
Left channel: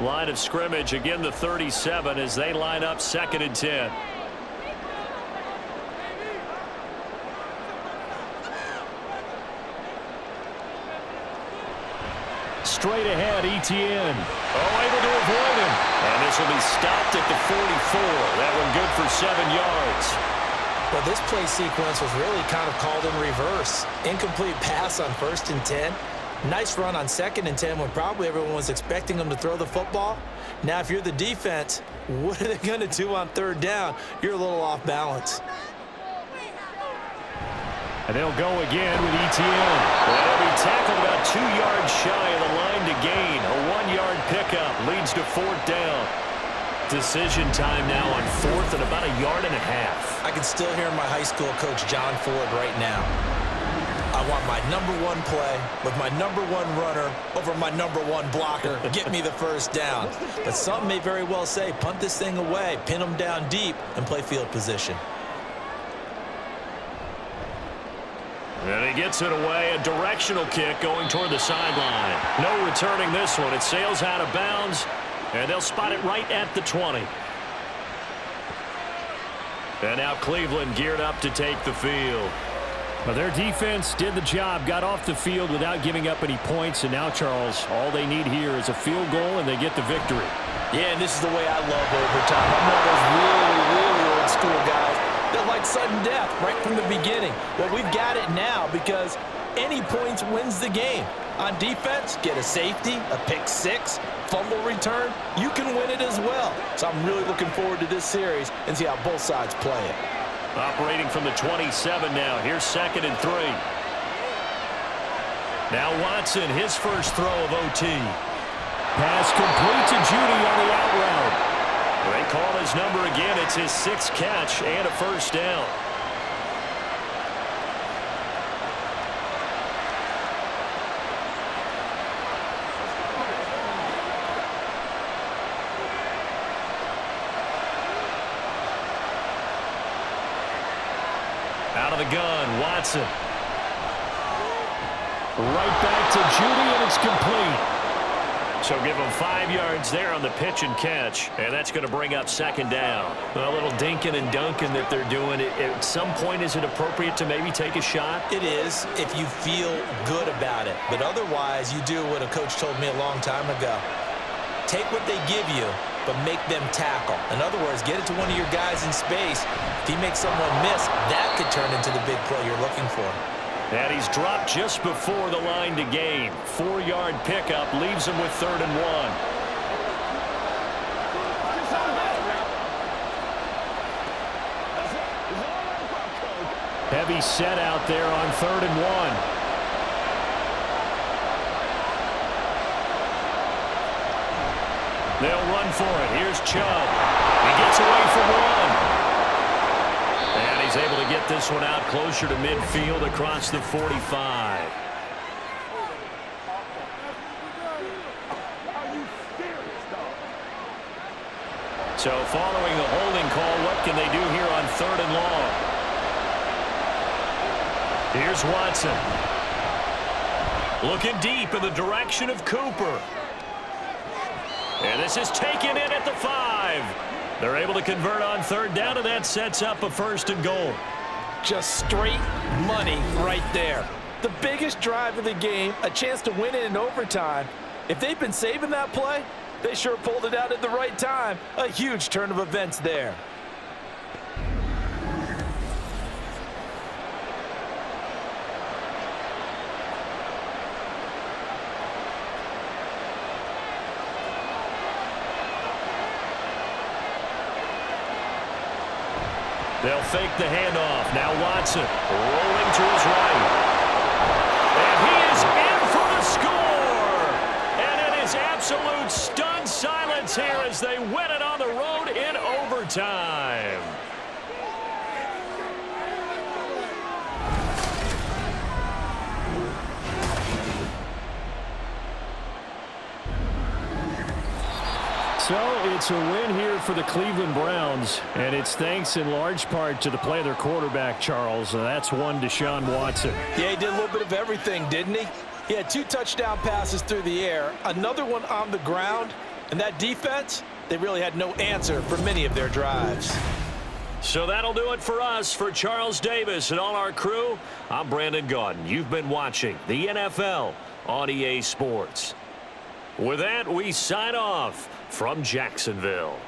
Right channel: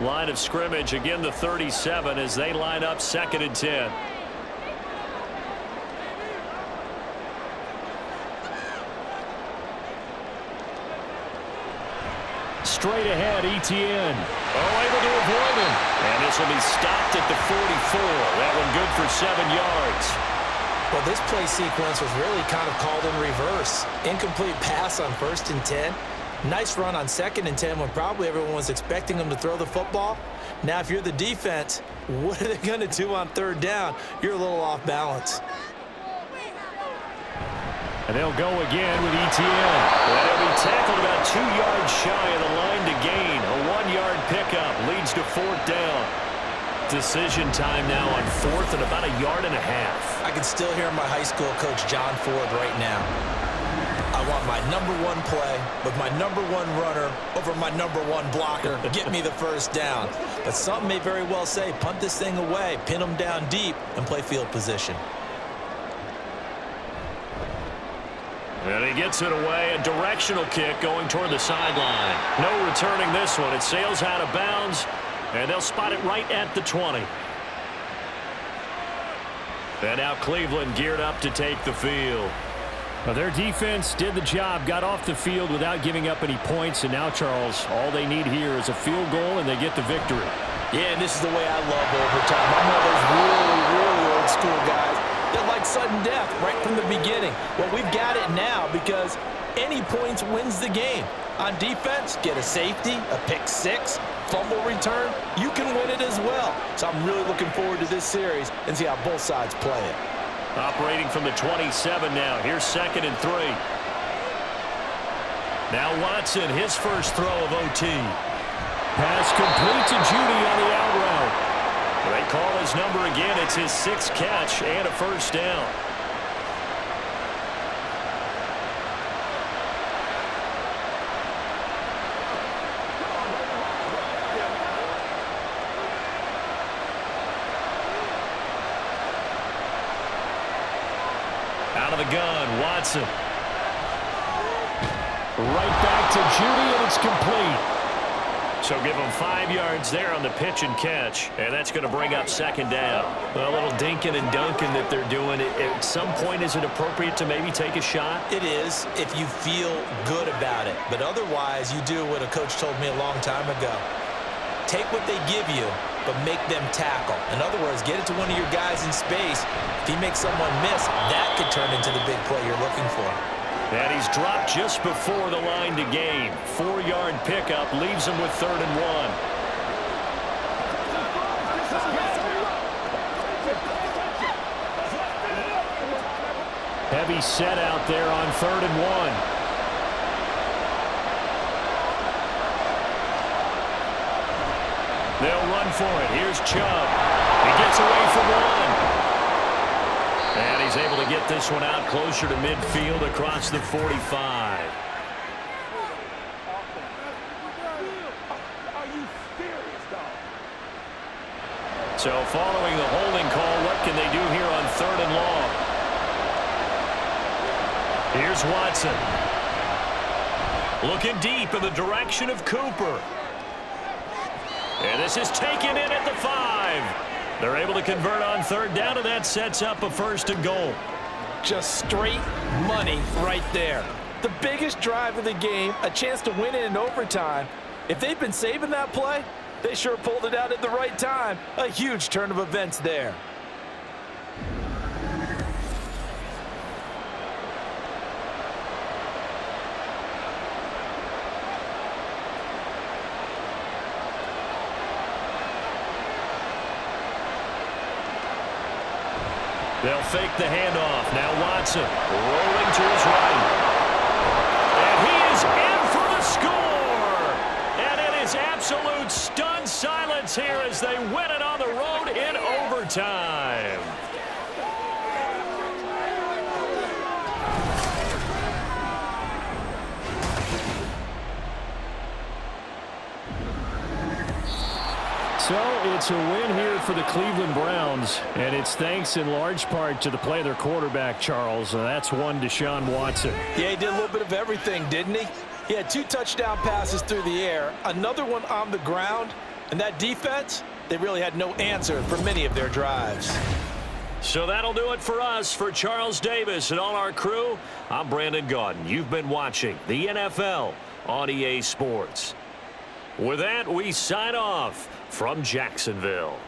Line of scrimmage, again the 37 as they line up 2nd and 10. Straight ahead, Etienne. Oh, able to avoid him. And this will be stopped at the 44. That one good for 7 yards. Well, this play sequence was really kind of called in reverse. Incomplete pass on 1st and 10. Nice run on 2nd and 10 when probably everyone was expecting him to throw the football. Now, if you're the defense, what are they going to do on 3rd down? You're a little off balance. And they'll go again with Etienne. And he'll be tackled about 2 yards shy of the line to gain. A 1-yard pickup leads to 4th down. Decision time now on 4th and about 1.5 yards. I can still hear my high school coach, John Ford, right now. I want my #1 play with my #1 runner over my #1 blocker. Get me the first down. But some may very well say, punt this thing away, pin them down deep, and play field position. And he gets it away, a directional kick going toward the sideline. No returning this one. It sails out of bounds, and they'll spot it right at the 20. And now Cleveland geared up to take the field. Well, their defense did the job, got off the field without giving up any points, and now, Charles, all they need here is a field goal, and they get the victory. Yeah, and this is the way I love overtime. I'm one of those really, really old school guys that like sudden death right from the beginning. Well, we've got it now because any points wins the game. On defense, get a safety, a pick six, fumble return, you can win it as well. So I'm really looking forward to this series and see how both sides play it. Operating from the 27 now. Here's 2nd and 3. Now Watson, his first throw of OT. Pass complete to Judy on the out route. They call his number again. It's his 6th catch and a first down. Out of the gun, Watson. Right back to Judy, and it's complete. So give him 5 yards there on the pitch and catch, and that's going to bring up 2nd down. A little dinking and dunking that they're doing. At some point, is it appropriate to maybe take a shot? It is if you feel good about it. But otherwise, you do what a coach told me a long time ago. Take what they give you, but make them tackle. In other words, get it to one of your guys in space. If he makes someone miss, that could turn into the big play you're looking for. And he's dropped just before the line to gain. 4-yard pickup leaves him with 3rd and 1. Heavy set out there on 3rd and 1. They'll run for it. Here's Chubb. He gets away from one. And he's able to get this one out closer to midfield across the 45. So following the holding call, what can they do here on 3rd and long? Here's Watson. Looking deep in the direction of Cooper. And this is taken in at the 5. They're able to convert on 3rd down, and that sets up a 1st and goal. Just straight money right there. The biggest drive of the game, a chance to win it in overtime. If they've been saving that play, they sure pulled it out at the right time. A huge turn of events there. They'll fake the handoff. Now Watson rolling to his right. And he is in for the score. And it is absolute stunned silence here as they win it on the road in overtime. So it's a win here for the Cleveland Browns, and it's thanks in large part to the play of their quarterback, Charles. That's one Deshaun Watson. Yeah, he did a little bit of everything, didn't he? He had 2 touchdown passes through the air, another one on the ground, and that defense, they really had no answer for many of their drives. So that'll do it for us. For Charles Davis and all our crew, I'm Brandon Gaudin. You've been watching the NFL on EA Sports. With that, we sign off from Jacksonville.